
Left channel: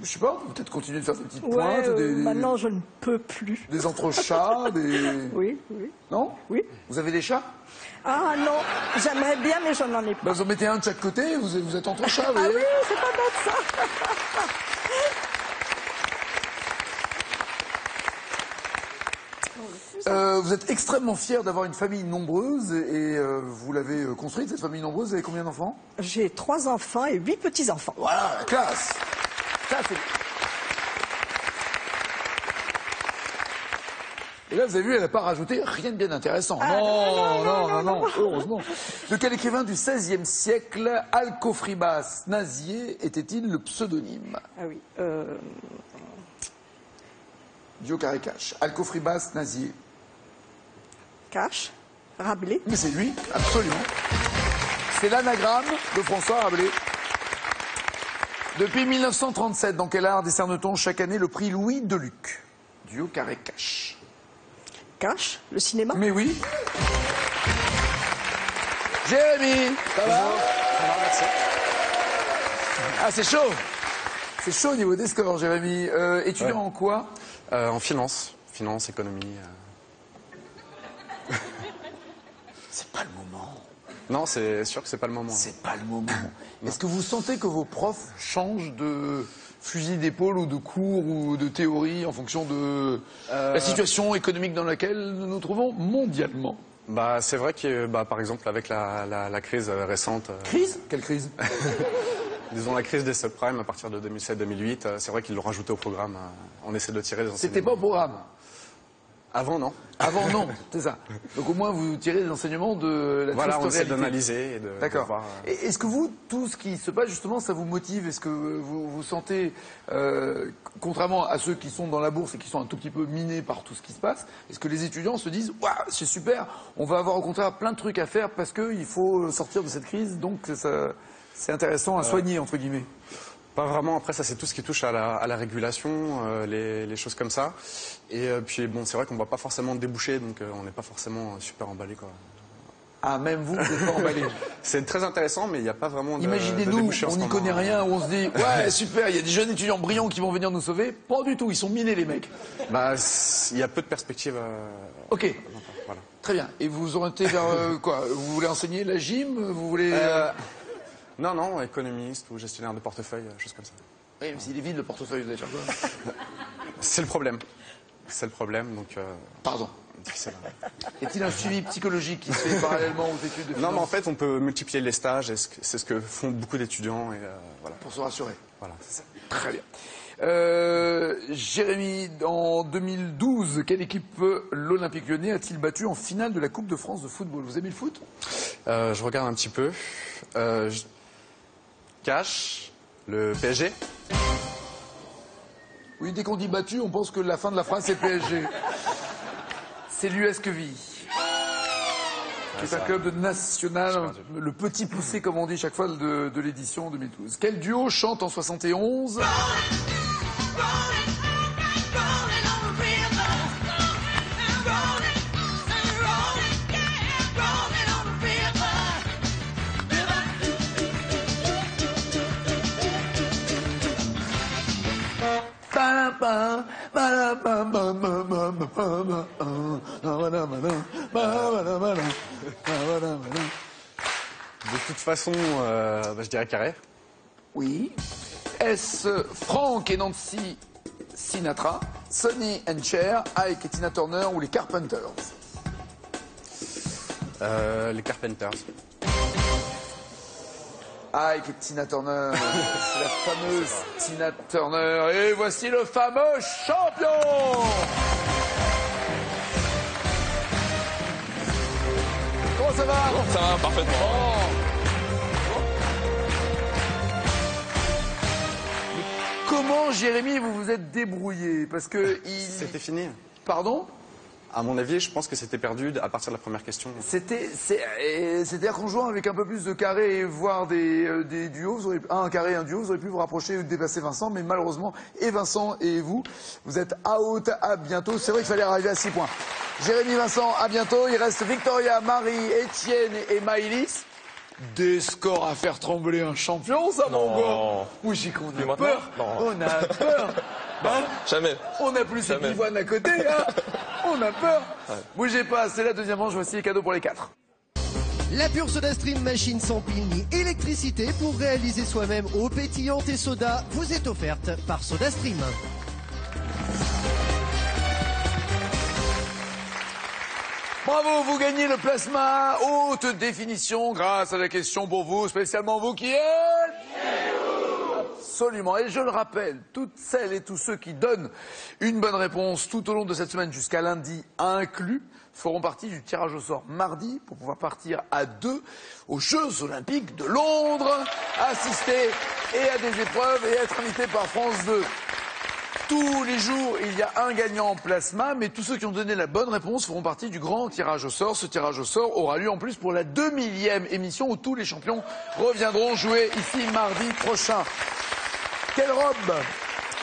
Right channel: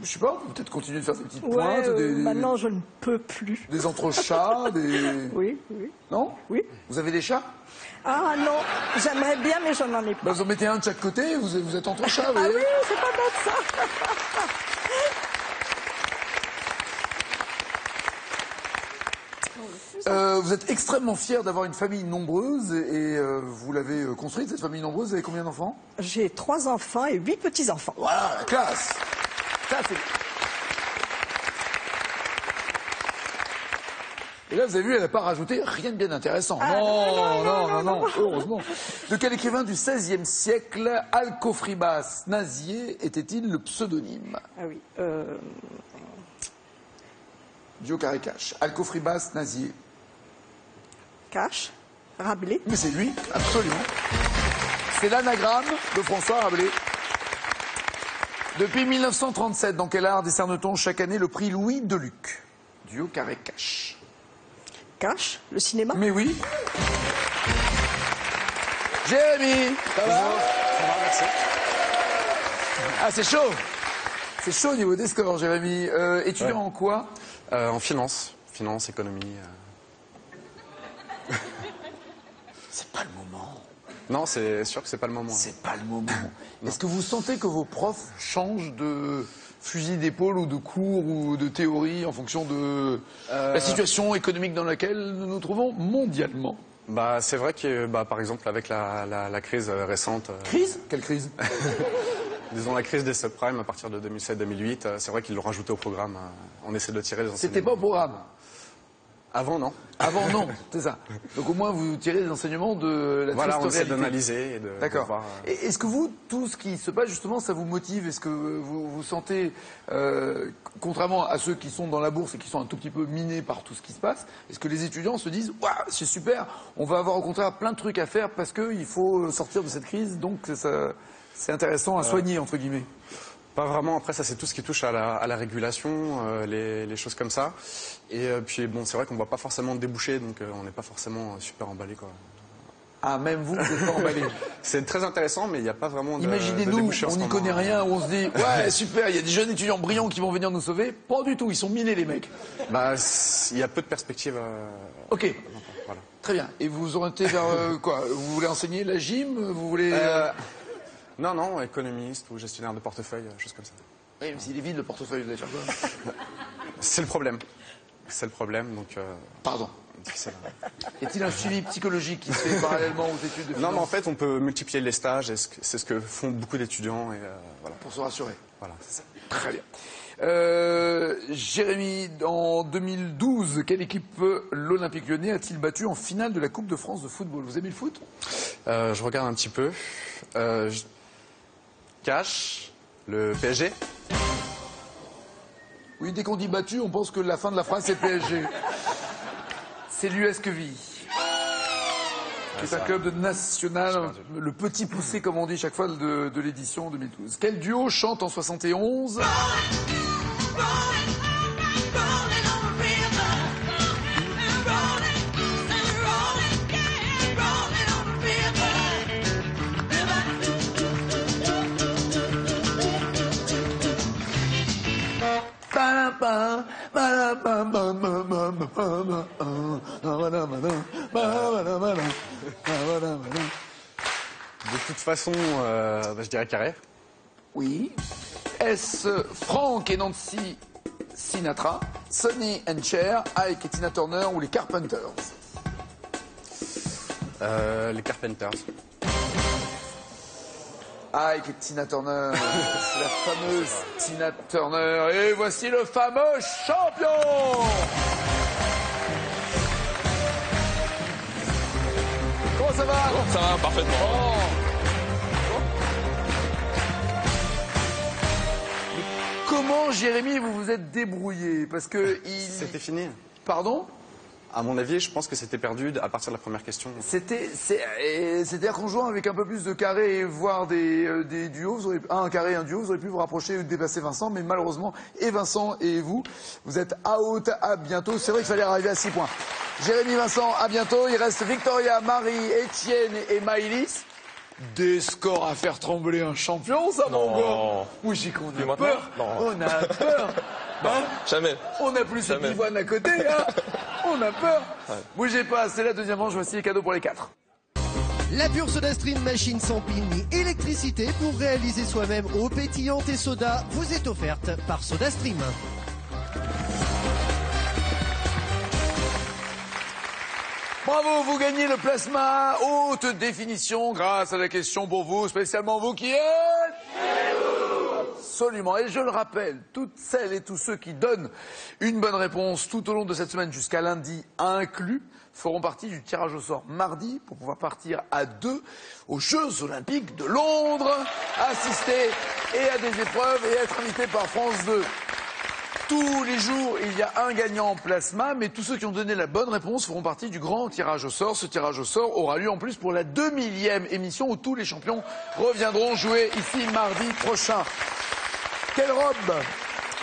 Je sais pas, vous peut-être continuer de faire des petites Ouais, pointes, maintenant, je ne peux plus. des entrechats, des... Oui, oui. Non? Oui. Vous avez des chats? Ah non, j'aimerais bien, mais je n'en ai pas. Ben, vous en mettez un de chaque côté, vous êtes entre chats, vous Ah voyez? oui, c'est pas bête ça. Vous êtes extrêmement fier d'avoir une famille nombreuse et vous l'avez construite, cette famille nombreuse. Vous avez combien d'enfants? J'ai 3 enfants et 8 petits-enfants. Voilà, classe. Ça, c'est... Et là, vous avez vu, elle n'a pas rajouté rien de bien intéressant. Non, heureusement. De quel écrivain du XVIe siècle, Alcofribas Nazier, était-il le pseudonyme? Ah oui. Dio Caricache. Alcofribas Nazier. Cache, Rabelais. Mais c'est lui, absolument. C'est l'anagramme de François Rabelais. Depuis 1937, dans quel art décerne-t-on chaque année le prix Louis Deluc? Dio Caricache. Cache, le cinéma. Mais oui. Jérémy, ça va? merci. Ah, c'est chaud. C'est chaud au niveau des scores, Jérémy. Étudiant en quoi? En finance, économie. C'est pas le moment. Non, c'est sûr que c'est pas le moment. C'est pas le moment. Est-ce que vous sentez que vos profs changent de fusil d'épaule ou de cours ou de théorie en fonction de la situation économique dans laquelle nous nous trouvons mondialement? Bah, c'est vrai que, par exemple, avec la crise récente. Crise? Quelle crise? Disons la crise des subprimes à partir de 2007-2008, c'est vrai qu'ils l'ont rajouté au programme. On essaie de tirer les enseignements. C'était pas au programme. Avant, non. Avant, non, c'est ça. Donc au moins, vous tirez des enseignements de la Voilà, triste on essaie réalité. d'analyser et de D'accord. voir. Et est-ce que vous, tout ce qui se passe, justement, ça vous motive? Est-ce que vous sentez, contrairement à ceux qui sont dans la bourse et qui sont un tout petit peu minés par tout ce qui se passe, est-ce que les étudiants se disent « Waouh, c'est super, on va avoir au contraire plein de trucs à faire parce qu'il faut sortir de cette crise, donc c'est intéressant à soigner, entre guillemets ». Pas vraiment. Après, ça, c'est tout ce qui touche à la régulation, les choses comme ça. Et puis, bon, c'est vrai qu'on ne voit pas forcément de débouchés, donc on n'est pas forcément super emballé, quoi. Ah, même vous êtes pas emballé. C'est très intéressant, mais il n'y a pas vraiment de Imaginez-nous, débouchés en on ce n'y moment. connaît rien, où on se dit « Ouais, super, il y a des jeunes étudiants brillants qui vont venir nous sauver ». Pas du tout, ils sont minés, les mecs. Bah, il y a peu de perspectives. Ok, Voilà. très bien. Et vous orientez vers quoi? Vous voulez enseigner la gym? Vous voulez... Non, économiste ou gestionnaire de portefeuille, choses comme ça. Eh, mais s'il est vide, le portefeuille, vous allez faire quoi? C'est le problème. C'est le problème, donc. Pardon. c'est- Y a-t-il un suivi psychologique qui se fait parallèlement aux études de Non, mais en finance fait, on peut multiplier les stages, et c'est ce que font beaucoup d'étudiants, et voilà. pour se rassurer? Voilà. Très bien. Jérémy, en 2012, quelle équipe l'Olympique Lyonnais a-t-il battu en finale de la Coupe de France de football? Vous aimez le foot? Je regarde un petit peu. Cash, le PSG. Oui, dès qu'on dit battu, on pense que la fin de la phrase c'est PSG. C'est l'US Queville, qui est un club national, le petit poussé, comme on dit chaque fois, de l'édition 2012. Quel duo chante en 71? De toute façon, je dirais Carré. Oui. Est-ce Frank et Nancy Sinatra, Sonny and Cher, Ike et Tina Turner ou les Carpenters? Les Carpenters. Ah, et puis Tina Turner, c'est la fameuse Tina Turner. Et voici le fameux champion. Comment ça va? Oh, ça va, parfaitement. Comment, Jérémy, vous vous êtes débrouillé? Parce que C'était fini. Pardon? À mon avis, je pense que c'était perdu à partir de la première question. C'est-à-dire qu'en jouant avec un peu plus de carrés, voire des duos, un carré et un duo, vous auriez pu vous rapprocher ou dépasser Vincent, mais malheureusement, et Vincent et vous êtes out, à bientôt. C'est vrai qu'il fallait arriver à 6 points. Jérémy, Vincent, à bientôt. Il reste Victoria, Marie, Étienne et Maëlys. Des scores à faire trembler un champion, ça, mon gars. Oui, j'y qu'on a peur. On a peur. Non, jamais. On n'a plus cette Ivoine à côté, là. On a peur. Bougez pas, c'est la deuxième manche. Voici les cadeaux pour les 4. La pure SodaStream machine sans pile ni électricité pour réaliser soi-même eau pétillante et soda vous est offerte par SodaStream. Bravo, vous gagnez le plasma haute définition grâce à la question pour vous, spécialement vous qui êtes... Absolument. Et je le rappelle, toutes celles et tous ceux qui donnent une bonne réponse tout au long de cette semaine jusqu'à lundi inclus feront partie du tirage au sort mardi pour pouvoir partir à 2 aux Jeux Olympiques de Londres, assister et à des épreuves et être invité par France 2. Tous les jours, il y a un gagnant en plasma, mais tous ceux qui ont donné la bonne réponse feront partie du grand tirage au sort. Ce tirage au sort aura lieu en plus pour la 2000e émission où tous les champions reviendront jouer ici mardi prochain. Quelle robe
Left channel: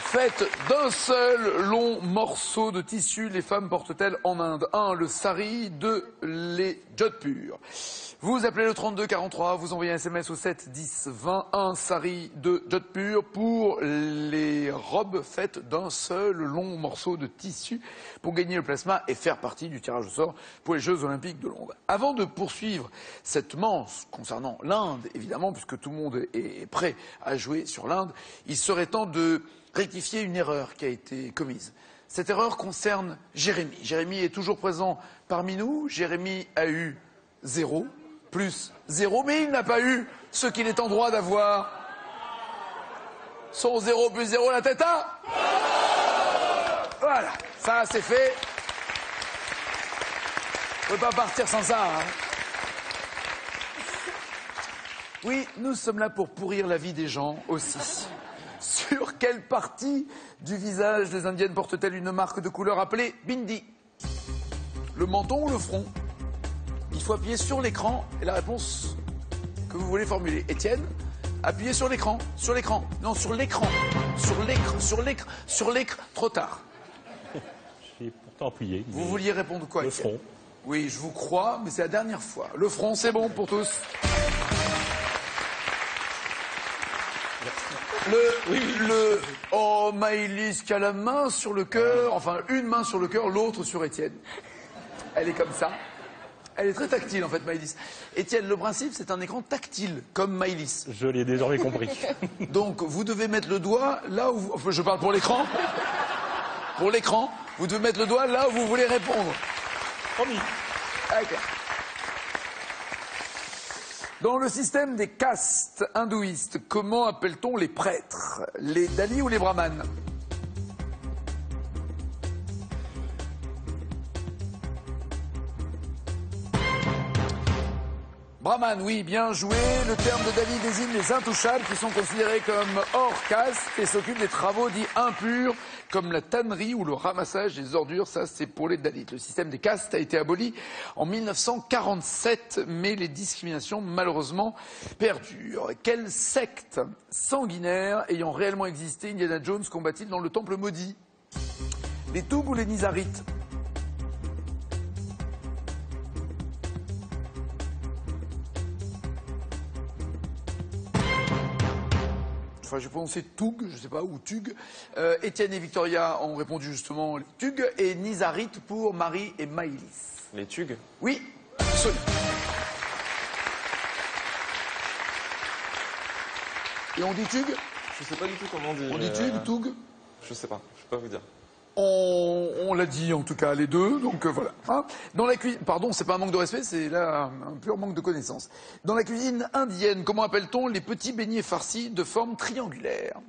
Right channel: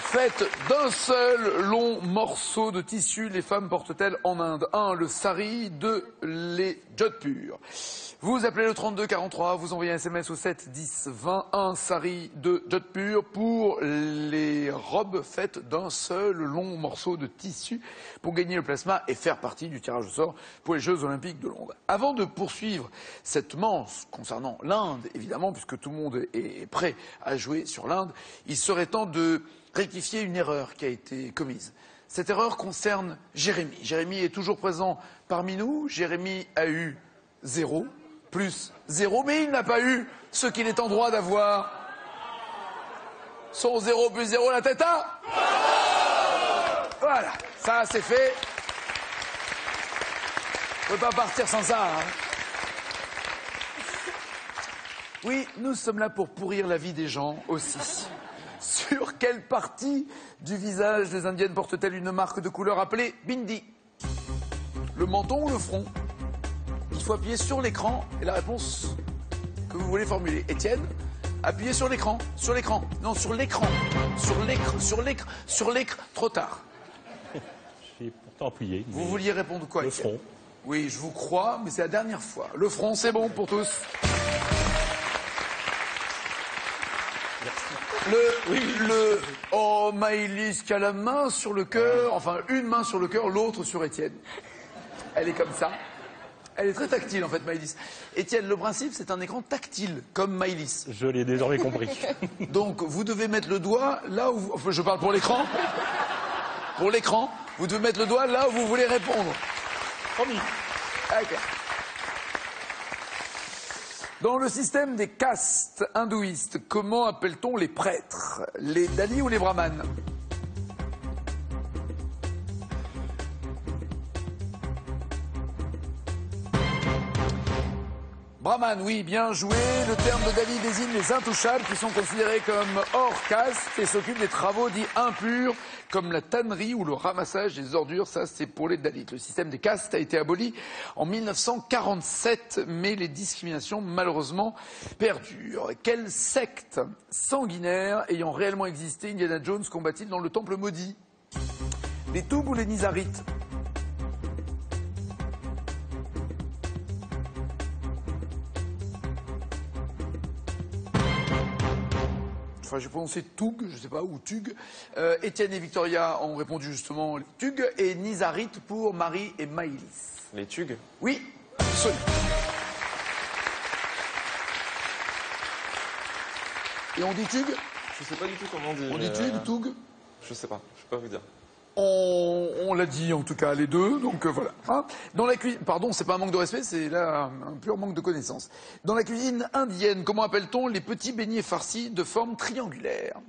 faite d'un seul long morceau de tissu les femmes portent-elles en Inde? 1. Le sari. 2. Les Jodhpur. Vous appelez le 3243, vous envoyez un SMS au 7 10 20. 1 sari, 2 Jodhpur pour les robes faites d'un seul long morceau de tissu pour gagner le plasma et faire partie du tirage au sort pour les Jeux Olympiques de Londres. Avant de poursuivre cette manche concernant l'Inde, évidemment, puisque tout le monde est prêt à jouer sur l'Inde, il serait temps de rectifier une erreur qui a été commise. Cette erreur concerne Jérémy. Jérémy est toujours présent parmi nous. Jérémy a eu 0, plus 0, mais il n'a pas eu ce qu'il est en droit d'avoir. Son 0 plus 0, la tête à... Voilà, ça c'est fait. On ne peut pas partir sans ça. Hein. Oui, nous sommes là pour pourrir la vie des gens aussi. Sur quelle partie du visage des Indiennes porte-t-elle une marque de couleur appelée bindi? Le menton ou le front? Il faut appuyer sur l'écran et la réponse que vous voulez formuler. Étienne, appuyez sur l'écran. Sur l'écran. Non, sur l'écran. Sur l'écran. Sur l'écran. Sur l'écran. Trop tard. J'ai pourtant appuyé. Vous vouliez répondre quoi? Le front. Oui, je vous crois, mais c'est la dernière fois. Le front, c'est bon pour tous. Oh, Maëlys qui a la main sur le cœur, enfin une main sur le cœur, l'autre sur Étienne. Elle est comme ça. Elle est très tactile en fait, Maëlys. Étienne, le principe c'est un écran tactile, comme Maëlys. Je l'ai désormais compris. Donc vous devez mettre le doigt là où... Enfin, je parle pour l'écran. Pour l'écran, vous devez mettre le doigt là où vous voulez répondre. Promis. D'accord. Dans le système des castes hindouistes, comment appelle-t-on les prêtres? Les dalis ou les brahmanes? Brahman, oui, bien joué. Le terme de Dali désigne les intouchables qui sont considérés comme hors caste et s'occupent des travaux dits impurs comme la tannerie ou le ramassage des ordures. Ça, c'est pour les Dalits. Le système des castes a été aboli en 1947, mais les discriminations, malheureusement, perdurent. Quelle secte sanguinaire ayant réellement existé Indiana Jones combat-il dans le temple maudit? Les Tougs ou les Nizarites? Enfin, je prononçais Toug, je ne sais pas, ou Tug. Étienne et Victoria ont répondu justement les Tug et Nizarite pour Marie et Maëlys. Les Tug? Oui, absolument. Et on dit Tug? Je sais pas du tout comment on dit. On dit Tug, Toug? Je sais pas, je peux pas vous dire. On l'a dit en tout cas les deux, donc voilà. Hein. Dans la cuisine, pardon, c'est pas un manque de respect, c'est là un pur manque de connaissance. Dans la cuisine indienne, comment appelle-t-on les petits beignets farcis de forme triangulaire?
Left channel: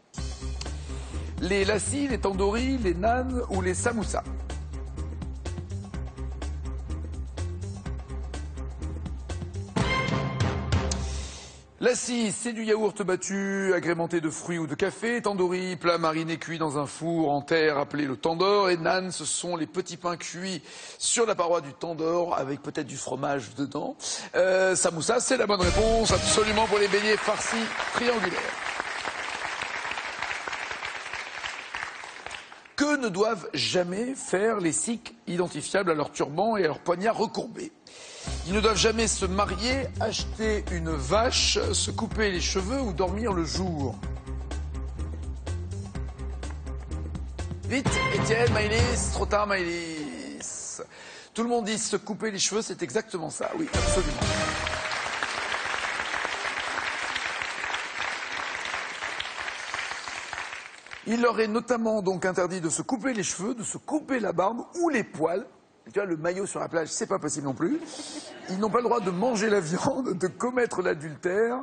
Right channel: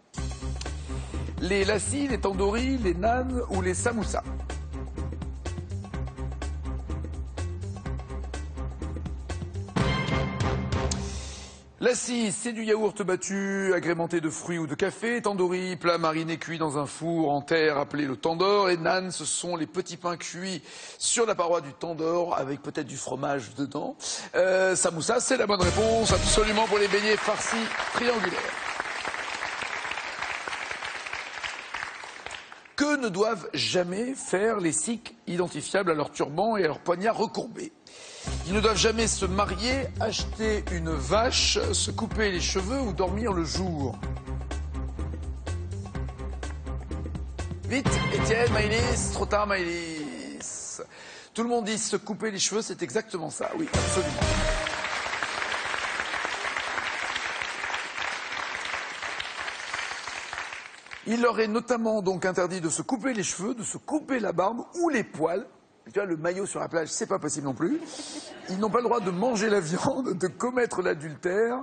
Les lassis, les tandoori, les naans ou les samoussas? Lassi, c'est du yaourt battu, agrémenté de fruits ou de café. Tandoori, plat mariné cuit dans un four en terre appelé le tandoor. Et naan, ce sont les petits pains cuits sur la paroi du tandoor avec peut-être du fromage dedans. Samoussa, c'est la bonne réponse, absolument, pour les beignets farcis triangulaires. Que ne doivent jamais faire les Sikhs identifiables à leur turban et à leur poignard recourbé? Ils ne doivent jamais se marier, acheter une vache, se couper les cheveux ou dormir le jour. Vite, Étienne, Maëlys, trop tard, Maëlys. Tout le monde dit se couper les cheveux, c'est exactement ça. Oui, absolument. Il leur est notamment donc interdit de se couper les cheveux, de se couper la barbe ou les poils. Tu vois, le maillot sur la plage, c'est pas possible non plus. Ils n'ont pas le droit de manger la viande, de commettre l'adultère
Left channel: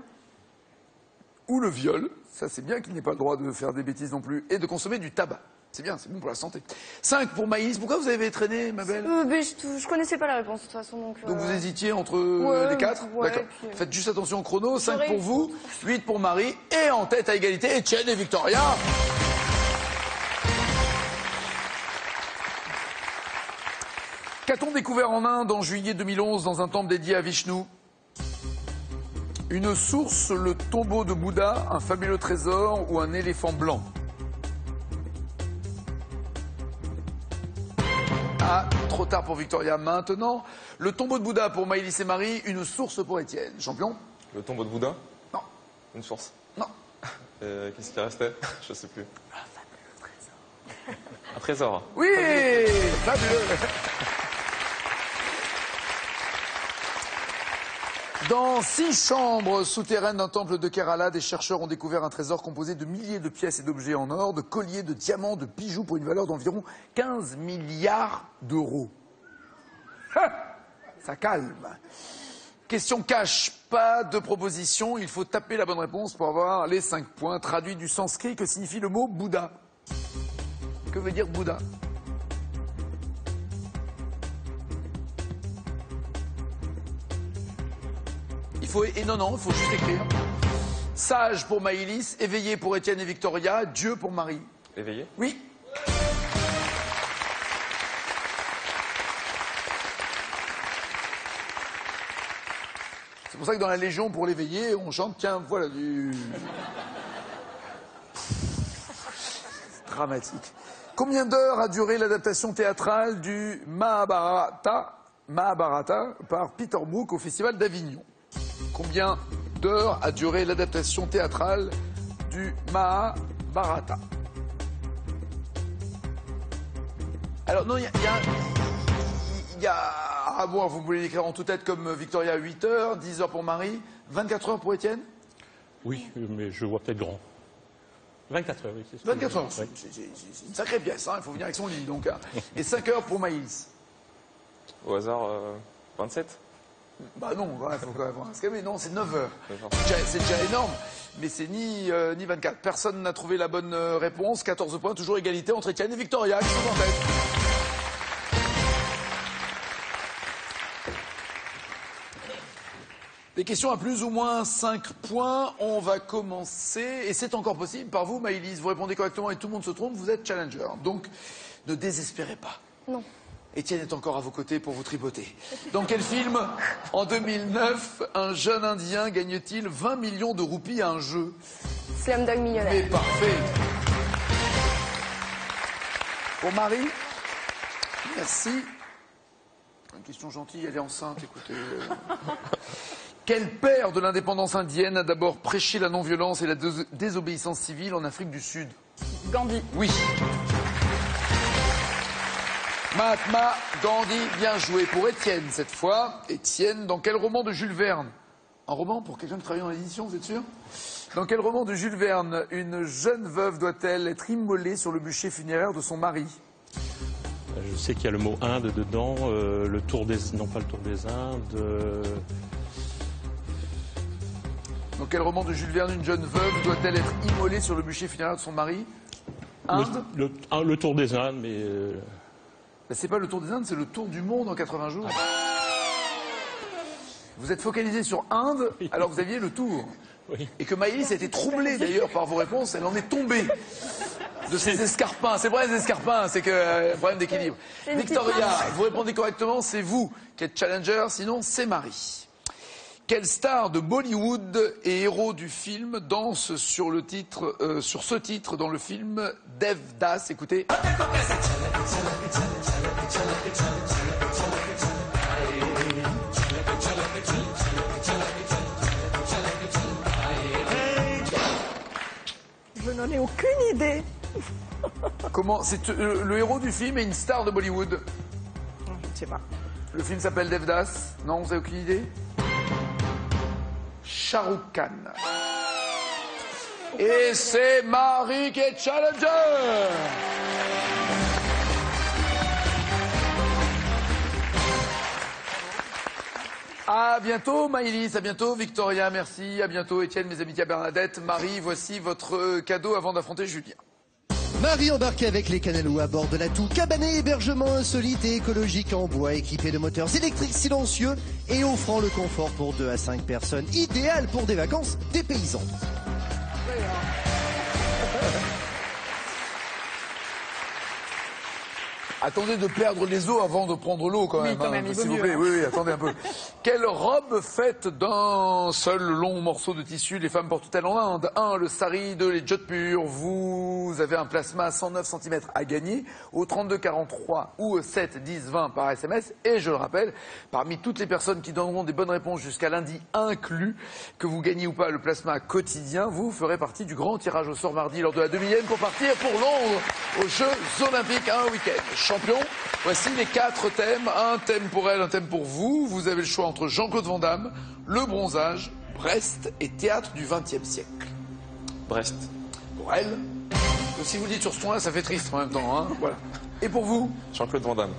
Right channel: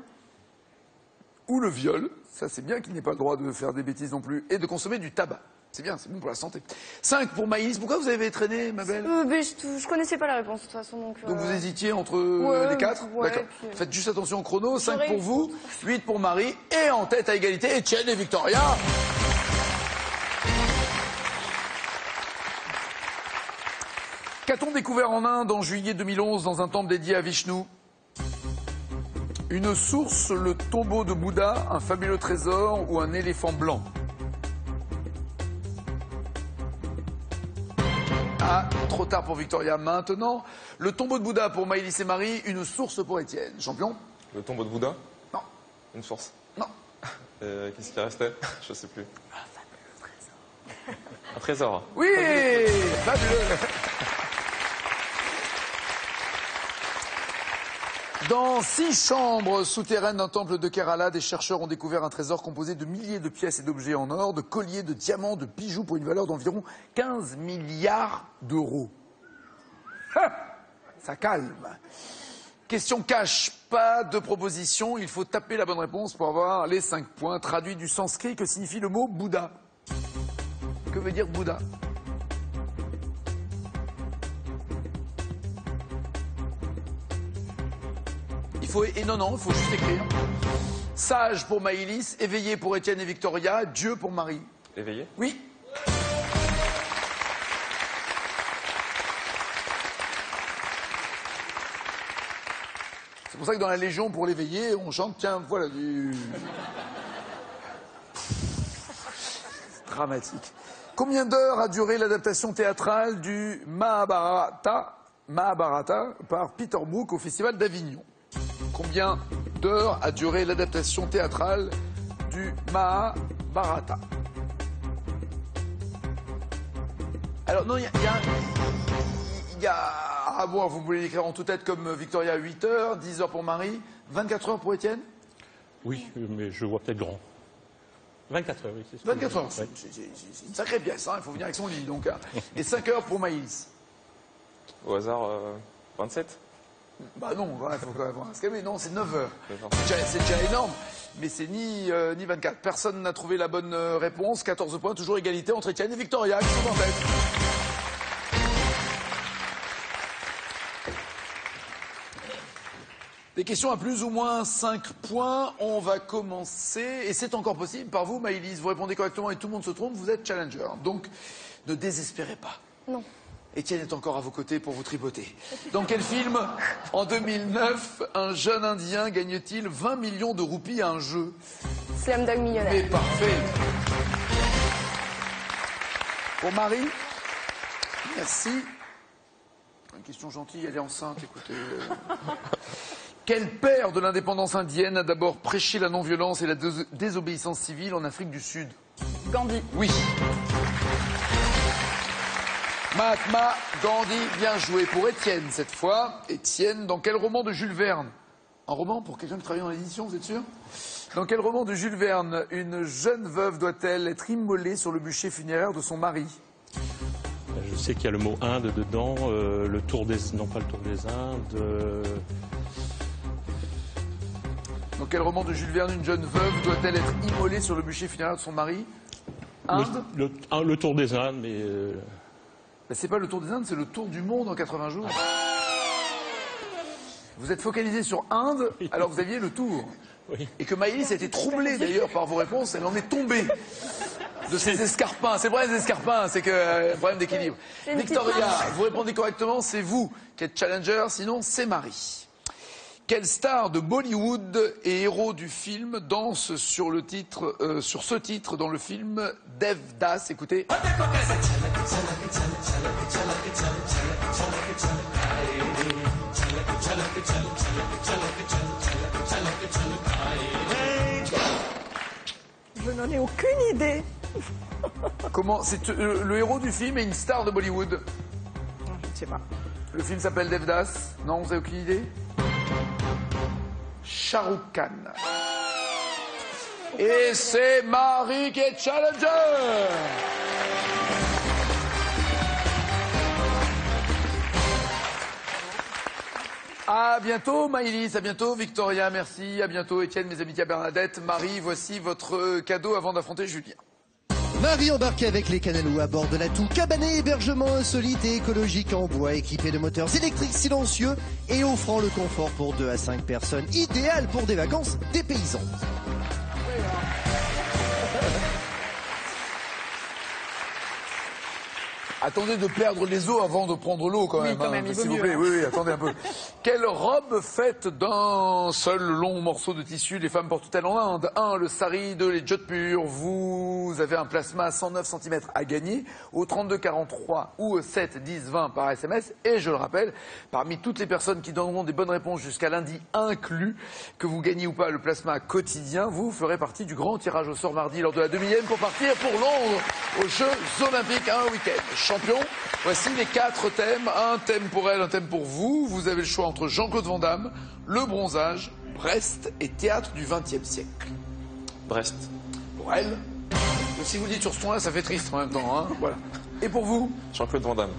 ou le viol. Ça, c'est bien qu'ils n'aient pas le droit de faire des bêtises non plus. Et de consommer du tabac. C'est bien, c'est bon pour la santé. 5 pour Maïs. Pourquoi vous avez traîné, ma belle? Je connaissais pas la réponse, de toute façon. Donc vous hésitiez entre les 4? Ouais, D'accord. puis... Faites juste attention au chrono. 5 pour vous, 8 pour Marie. Et en tête à égalité, Étienne et Victoria. Qu'a-t-on découvert en Inde en juillet 2011 dans un temple dédié à Vishnu? Une source, le tombeau de Bouddha, un fabuleux trésor ou un éléphant blanc? Ah, trop tard pour Victoria. Maintenant, le tombeau de Bouddha pour Maëlys et Marie, une source pour Étienne. Champion? Le tombeau de Bouddha? Non. Une source? Non. Qu'est-ce qui restait? Je sais plus. Un trésor? Oui, fabuleux. Dans 6 chambres souterraines d'un temple de Kerala, des chercheurs ont découvert un trésor composé de milliers de pièces et d'objets en or, de colliers, de diamants, de bijoux pour une valeur d'environ 15 milliards d'euros. Ça calme. Question cash, pas de proposition, il faut taper la bonne réponse pour avoir les 5 points. Traduit du sanskrit, que signifie le mot Bouddha? Que veut dire Bouddha? Non, il faut juste écrire. Sage pour Maëlys, éveillé pour Étienne et Victoria, Dieu pour Marie. Éveillé? Oui. C'est pour ça que dans la Légion, pour l'éveiller, on chante, tiens, voilà du... Dramatique. Combien d'heures a duré l'adaptation théâtrale du Mahabharata par Peter Brook au Festival d'Avignon? Combien d'heures a duré l'adaptation théâtrale du Mahabharata? Alors non, il y a... Ah bon, vous pouvez l'écrire en toute tête comme Victoria, 8 heures, 10 heures pour Marie, 24 heures pour Étienne? Oui, mais je vois peut-être grand. 24 heures, oui, c'est ça. 24 heures, c'est une sacrée pièce, hein, il faut venir avec son lit, donc. Et 5 heures pour Maïs. Au hasard, 27? Bah non, il faut quand même voir. Non, c'est 9 heures. C'est déjà énorme, mais c'est ni 24. Personne n'a trouvé la bonne réponse. 14 points, toujours égalité entre Étienne et Victoria, qui sont en tête. Des questions à plus ou moins 5 points. On va commencer, et c'est encore possible par vous, Maëlys. Vous répondez correctement et tout le monde se trompe, vous êtes challenger. Donc, ne désespérez pas. Non. Étienne est encore à vos côtés pour vous tripoter. Dans quel film, en 2009, un jeune Indien gagne-t-il 20 millions de roupies à un jeu? Slumdog Millionnaire. Mais parfait. Pour Marie, merci. Une question gentille, elle est enceinte, écoutez. Quel père de l'indépendance indienne a d'abord prêché la non-violence et la désobéissance civile en Afrique du Sud? Gandhi. Oui. Mahatma Gandhi, bien joué pour Étienne cette fois. Étienne, dans quel roman de Jules Verne? Un roman pour quelqu'un qui travaille dans l'édition, vous êtes sûr? Dans quel roman de Jules Verne une jeune veuve doit-elle être immolée sur le bûcher funéraire de son mari? Je sais qu'il y a le mot Inde dedans, le tour des... Non, pas le tour des Indes. Dans quel roman de Jules Verne une jeune veuve doit-elle être immolée sur le bûcher funéraire de son mari? Inde? Le tour des Indes, mais... C'est pas le tour des Indes, c'est le tour du monde en 80 jours. Vous êtes focalisé sur Inde alors que vous aviez le tour. Oui. Et que Maëlys a été troublée d'ailleurs par vos réponses, elle en est tombée de ses escarpins. C'est vrai, les escarpins, c'est que problème d'équilibre. Victoria, vous répondez correctement, c'est vous qui êtes challenger, sinon c'est Marie. Quelle star de Bollywood et héros du film danse sur ce titre dans le film Devdas? Écoutez. Je n'en ai aucune idée. Comment? C'est le héros du film est une star de Bollywood. Je ne sais pas. Le film s'appelle Devdas. Non, vous avez aucune idée? Shah Rukh Khan. Et c'est Marie qui est challenger. À bientôt Maëlys, à bientôt Victoria, merci, à bientôt Étienne, mes amitiés à Bernadette. Marie, voici votre cadeau avant d'affronter Julien. Marie embarquée avec les Canelou à bord de l'atout cabané, hébergement insolite et écologique en bois, équipé de moteurs électriques silencieux et offrant le confort pour 2 à 5 personnes, idéal pour des vacances dépaysantes. Attendez de perdre les os avant de prendre l'eau quand même. Oui, quand même, s'il vous plaît. Oui, attendez un peu. Quelle robe faite d'un seul long morceau de tissu les femmes portent-elles en Inde? 1. Le sari, 2. Les jodhpurs. Vous avez un plasma à 109 cm à gagner au 32 43 ou 7 10 20 par SMS. Et je le rappelle, parmi toutes les personnes qui donneront des bonnes réponses jusqu'à lundi inclus, que vous gagnez ou pas le plasma quotidien, vous ferez partie du grand tirage au sort mardi lors de la demi-lième pour partir pour Londres aux Jeux Olympiques un week-end. Champion, voici les 4 thèmes. Un thème pour elle, un thème pour vous. Vous avez le choix entre Jean-Claude Van Damme, le bronzage, Brest et théâtre du XXe siècle. Brest. Pour elle. Et si vous le dites sur ce ton-là, ça fait triste en même temps. Hein, voilà. Et pour vous? Jean-Claude Van Damme.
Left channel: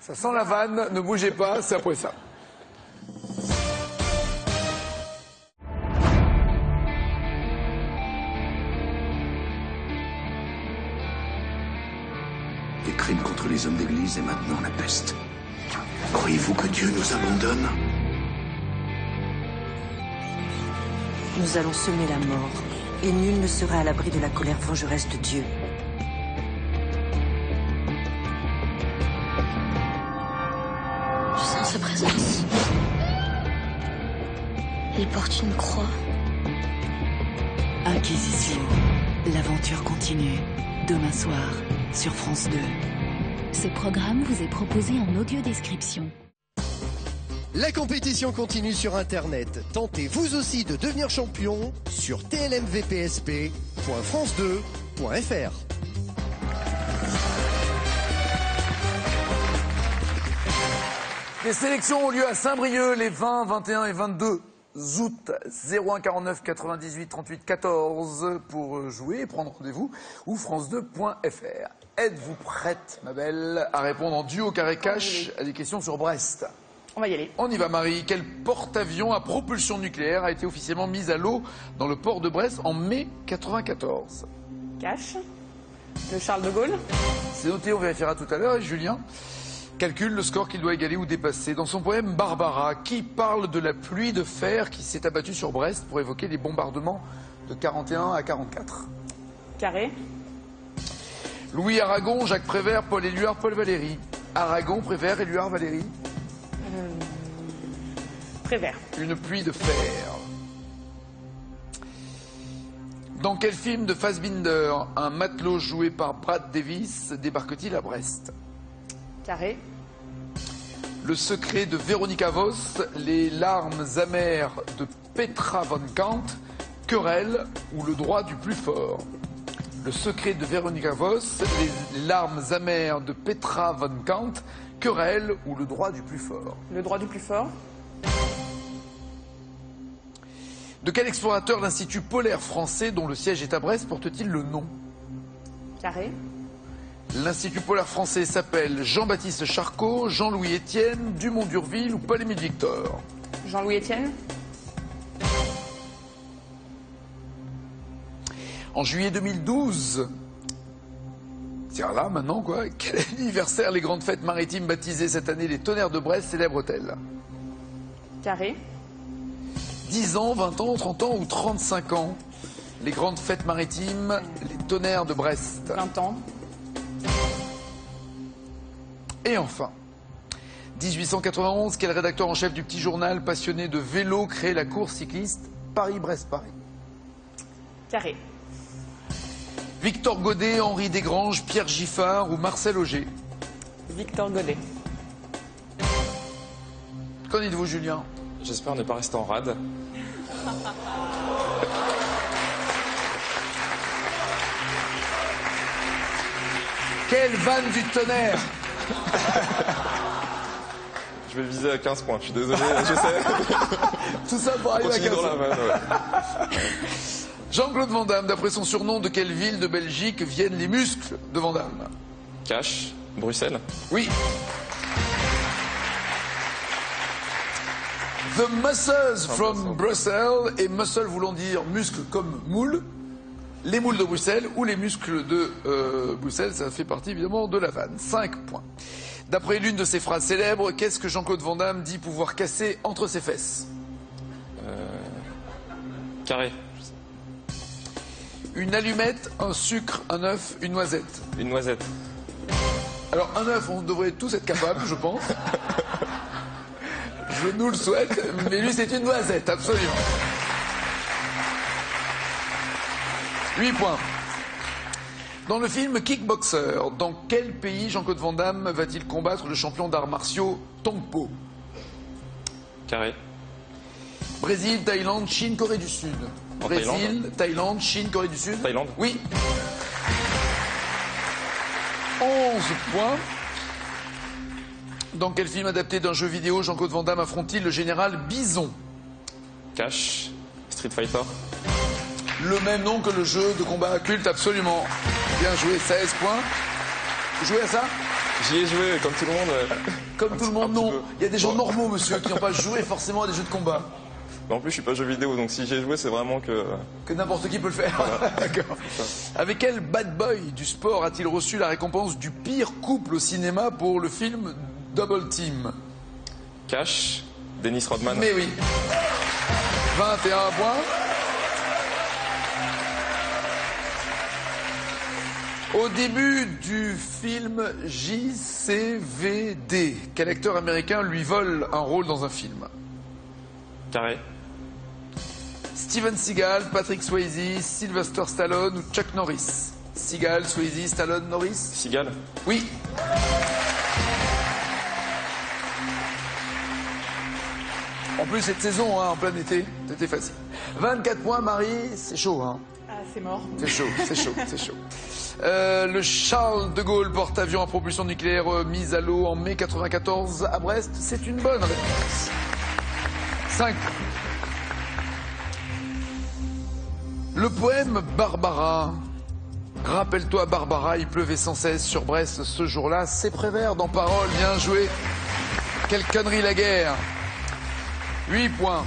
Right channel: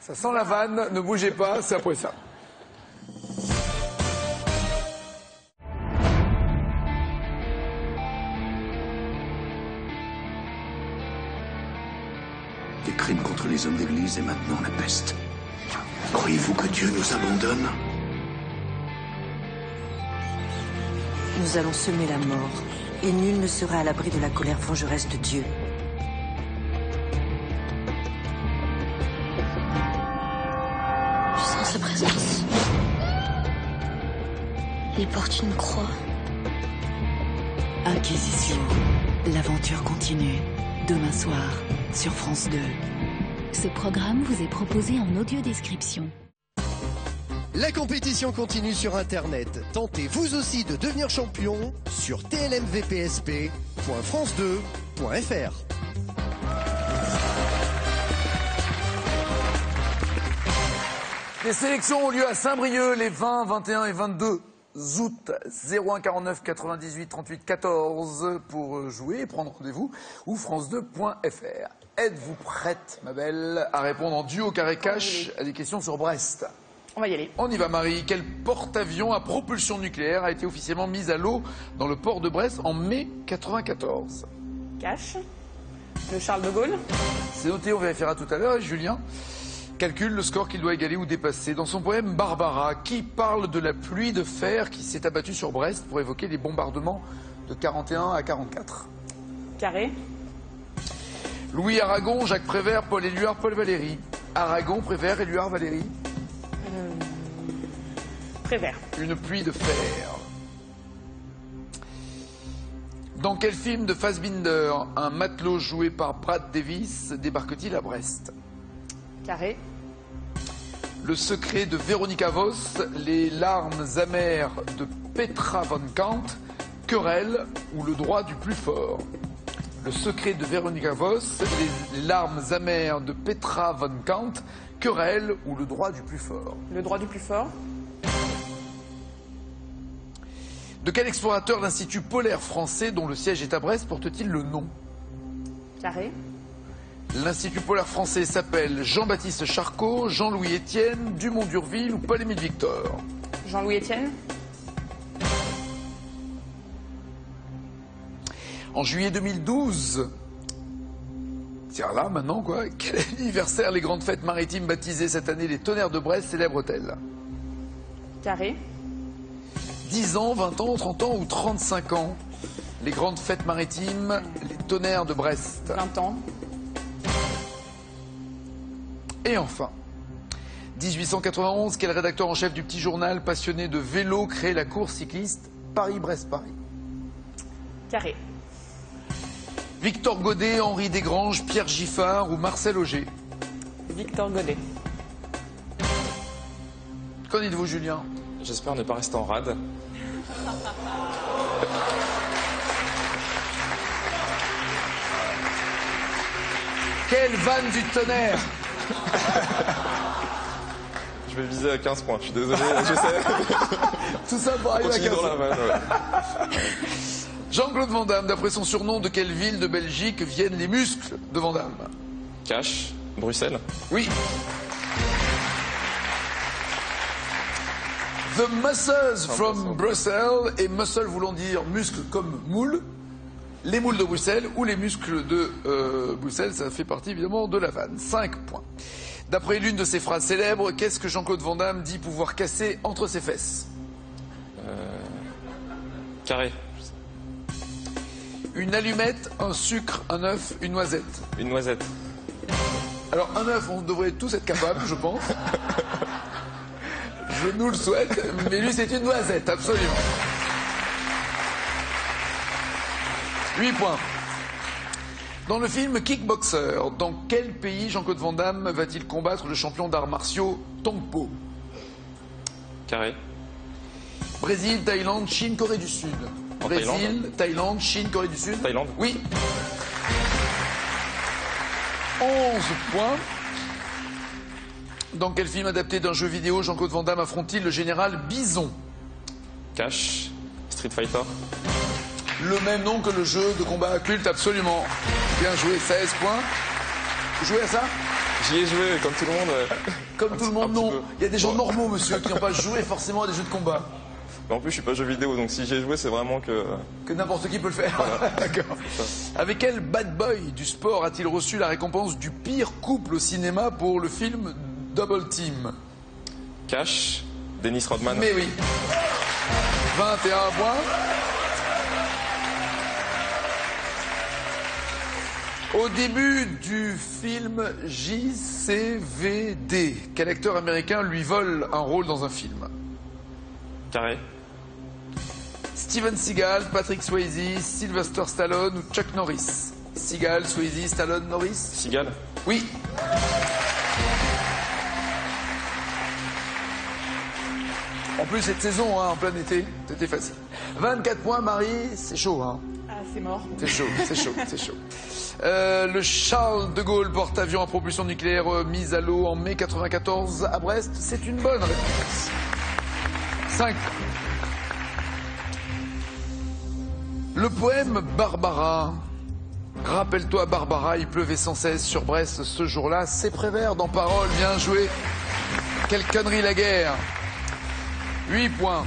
Ça sent la vanne, ne bougez pas, c'est après ça. Les crimes contre les hommes d'église et maintenant la peste. Croyez-vous que Dieu nous abandonne? Nous allons semer la mort, et nul ne sera à l'abri de la colère vengeresse de Dieu. Je sens ses présences. Il porte une croix. Inquisition. L'aventure continue. Demain soir, sur France 2. Ce programme vous est proposé en audio description. La compétition continue sur Internet. Tentez vous aussi de devenir champion sur tlmvpsp.france2.fr. Les sélections ont lieu à Saint-Brieuc les 20, 21 et 22 août. 01 49 98 38 14 pour jouer et prendre rendez-vous ou france2.fr. Êtes-vous prête, ma belle, à répondre en duo carré cash à des questions sur Brest? On va y aller. On y va, Marie. Quel porte-avions à propulsion nucléaire a été officiellement mis à l'eau dans le port de Brest en mai 94? Cash. Le Charles de Gaulle. C'est noté, on vérifiera tout à l'heure. Et Julien calcule le score qu'il doit égaler ou dépasser. Dans son poème Barbara, qui parle de la pluie de fer qui s'est abattue sur Brest pour évoquer les bombardements de 41 à 44? Carré. Louis Aragon, Jacques Prévert, Paul Éluard, Paul Valéry. Aragon, Prévert, Éluard, Valéry. Prévert. Une pluie de fer. Dans quel film de Fassbinder un matelot joué par Brad Davis débarque-t-il à Brest? Carré. Le secret de Véronica Voss, les larmes amères de Petra von Kant, querelle ou le droit du plus fort? Le secret de Véronica Voss, les larmes amères de Petra von Kant, querelle ou le droit du plus fort? Le droit du plus fort. De quel explorateur l'Institut polaire français, dont le siège est à Brest, porte-t-il le nom? Carré. L'Institut polaire français s'appelle Jean-Baptiste Charcot, Jean-Louis Etienne, Dumont d'Urville ou Paul-Émile Victor? Jean-Louis Etienne. En juillet 2012, c'est là maintenant quoi, quel anniversaire les grandes fêtes maritimes baptisées cette année les Tonnerres de Brest célèbrent-elles? Carré. 10 ans, 20 ans, 30 ans ou 35 ans? Les grandes fêtes maritimes, les Tonnerres de Brest. 20 ans. Et enfin, 1891, quel rédacteur en chef du petit journal passionné de vélo crée la course cycliste Paris-Brest-Paris? Carré. Victor Godet, Henri Desgranges, Pierre Giffard ou Marcel Auger? Victor Godet. Qu'en dites-vous, Julien? J'espère ne pas rester en rade. Quelle vanne du Tonnerre! Je vais viser à 15 points, je suis désolé, je sais. Tout ça pour arriver à 15 Continue dans la vanne, ouais. Jean-Claude Van Damme, d'après son surnom, de quelle ville de Belgique viennent les muscles de Van Damme? Cash, Bruxelles. Oui. The muscles from Brussels, et muscle voulant dire muscle comme moule. Les moules de Bruxelles ou les muscles de Bruxelles, ça fait partie évidemment de la vanne. 5 points. D'après l'une de ses phrases célèbres, qu'est-ce que Jean-Claude Van Damme dit pouvoir casser entre ses fesses? Carré. Une allumette, un sucre, un œuf, une noisette. Une noisette. Alors un œuf, on devrait tous être capables, je pense. Je nous le souhaite, mais lui c'est une noisette, absolument. 8 points. Dans le film Kickboxer, dans quel pays Jean-Claude Van Damme va-t-il combattre le champion d'arts martiaux Tongpo? Carré. Brésil, Thaïlande, Chine, Corée du Sud. En Brésil, Thaïlande, Chine, Corée du Sud. Thaïlande. Oui. 11 points. Dans quel film adapté d'un jeu vidéo Jean-Claude Van Damme affronte-t-il le général Bison? Cash, Street Fighter. Le même nom que le jeu de combat culte, absolument. Bien joué, 16 points. Vous jouez à ça? J'y ai joué, comme tout le monde. Comme tout le monde, non. Il y a des gens normaux, monsieur, qui n'ont pas joué forcément à des jeux de combat. Mais en plus, je suis pas jeu vidéo, donc si j'ai joué, c'est vraiment que... Que n'importe qui peut le faire. Voilà. D'accord. Avec quel bad boy du sport a-t-il reçu la récompense du pire couple au cinéma pour le film Double Team? Cash, Dennis Rodman. Mais oui. 21 points. Au début du film JCVD, quel acteur américain lui vole un rôle dans un film? Carré. Steven Seagal, Patrick Swayze, Sylvester Stallone ou Chuck Norris? Seagal, Swayze, Stallone, Norris? Seagal. Oui. En plus, cette saison, hein, en plein été, c'était facile. 24 points, Marie, c'est chaud, hein? Ah, c'est mort. C'est chaud, c'est chaud, c'est chaud. Le Charles de Gaulle porte-avions à propulsion nucléaire mis à l'eau en mai 94 à Brest. C'est une bonne réponse. 5. Le poème Barbara. Rappelle-toi Barbara, il pleuvait sans cesse sur Brest ce jour-là. C'est Prévert dans Parole, bien joué. Quelle connerie la guerre. 8 points.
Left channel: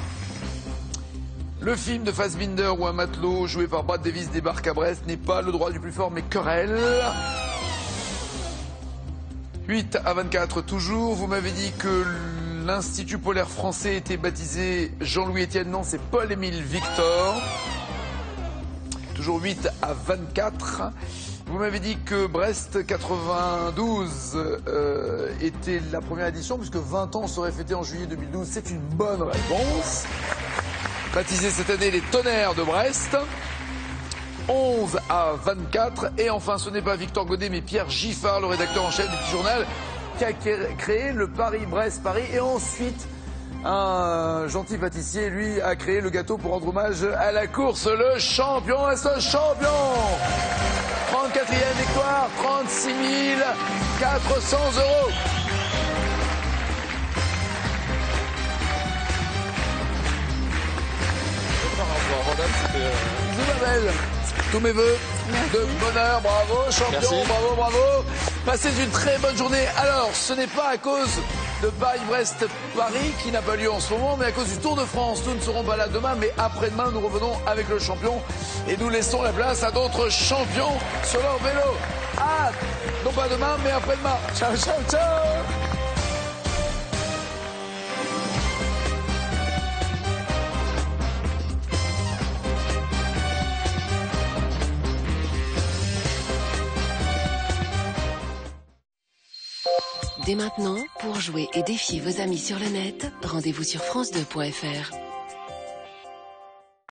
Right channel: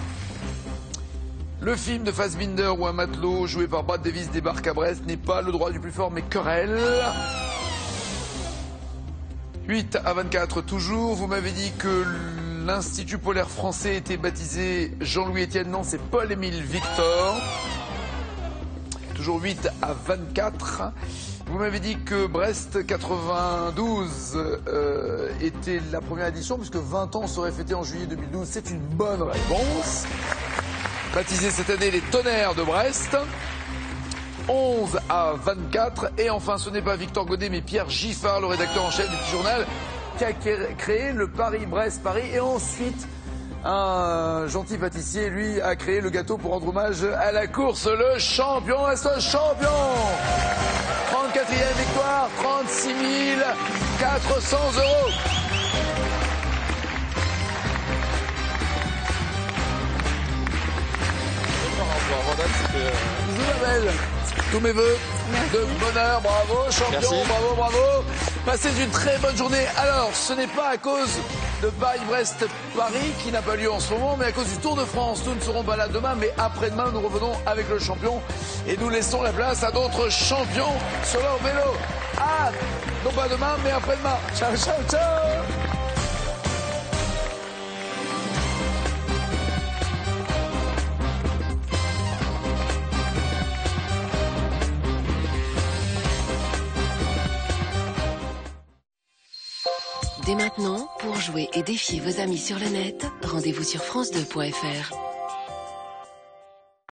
Le film de Fassbinder où un matelot joué par Brad Davis débarque à Brest n'est pas le droit du plus fort mais querelle. 8 à 24 toujours. Vous m'avez dit que l'Institut polaire français était baptisé Jean-Louis Etienne. Non, c'est Paul-Émile Victor. Toujours 8 à 24. Vous m'avez dit que Brest 92 était la première édition puisque 20 ans seraient fêtés en juillet 2012. C'est une bonne réponse. Baptisé cette année les Tonnerres de Brest. 11 à 24. Et enfin, ce n'est pas Victor Godet, mais Pierre Giffard, le rédacteur en chef du petit journal, qui a créé le Paris-Brest-Paris. Et ensuite, un gentil pâtissier, lui, a créé le gâteau pour rendre hommage à la course. Le champion est ce champion. 34e victoire, 36 400 €. tous mes voeux de bonheur, bravo, champion, Merci. bravo, bravo. Passez une très bonne journée. Alors, ce n'est pas à cause de Paris-Brest-Paris qui n'a pas lieu en ce moment, mais à cause du Tour de France. Nous ne serons pas là demain, mais après-demain, nous revenons avec le champion et nous laissons la place à d'autres champions sur leur vélo. Ah, non pas demain, mais après-demain. Ciao, ciao, ciao. Dès maintenant, pour jouer et défier vos amis sur le net, rendez-vous sur France2.fr.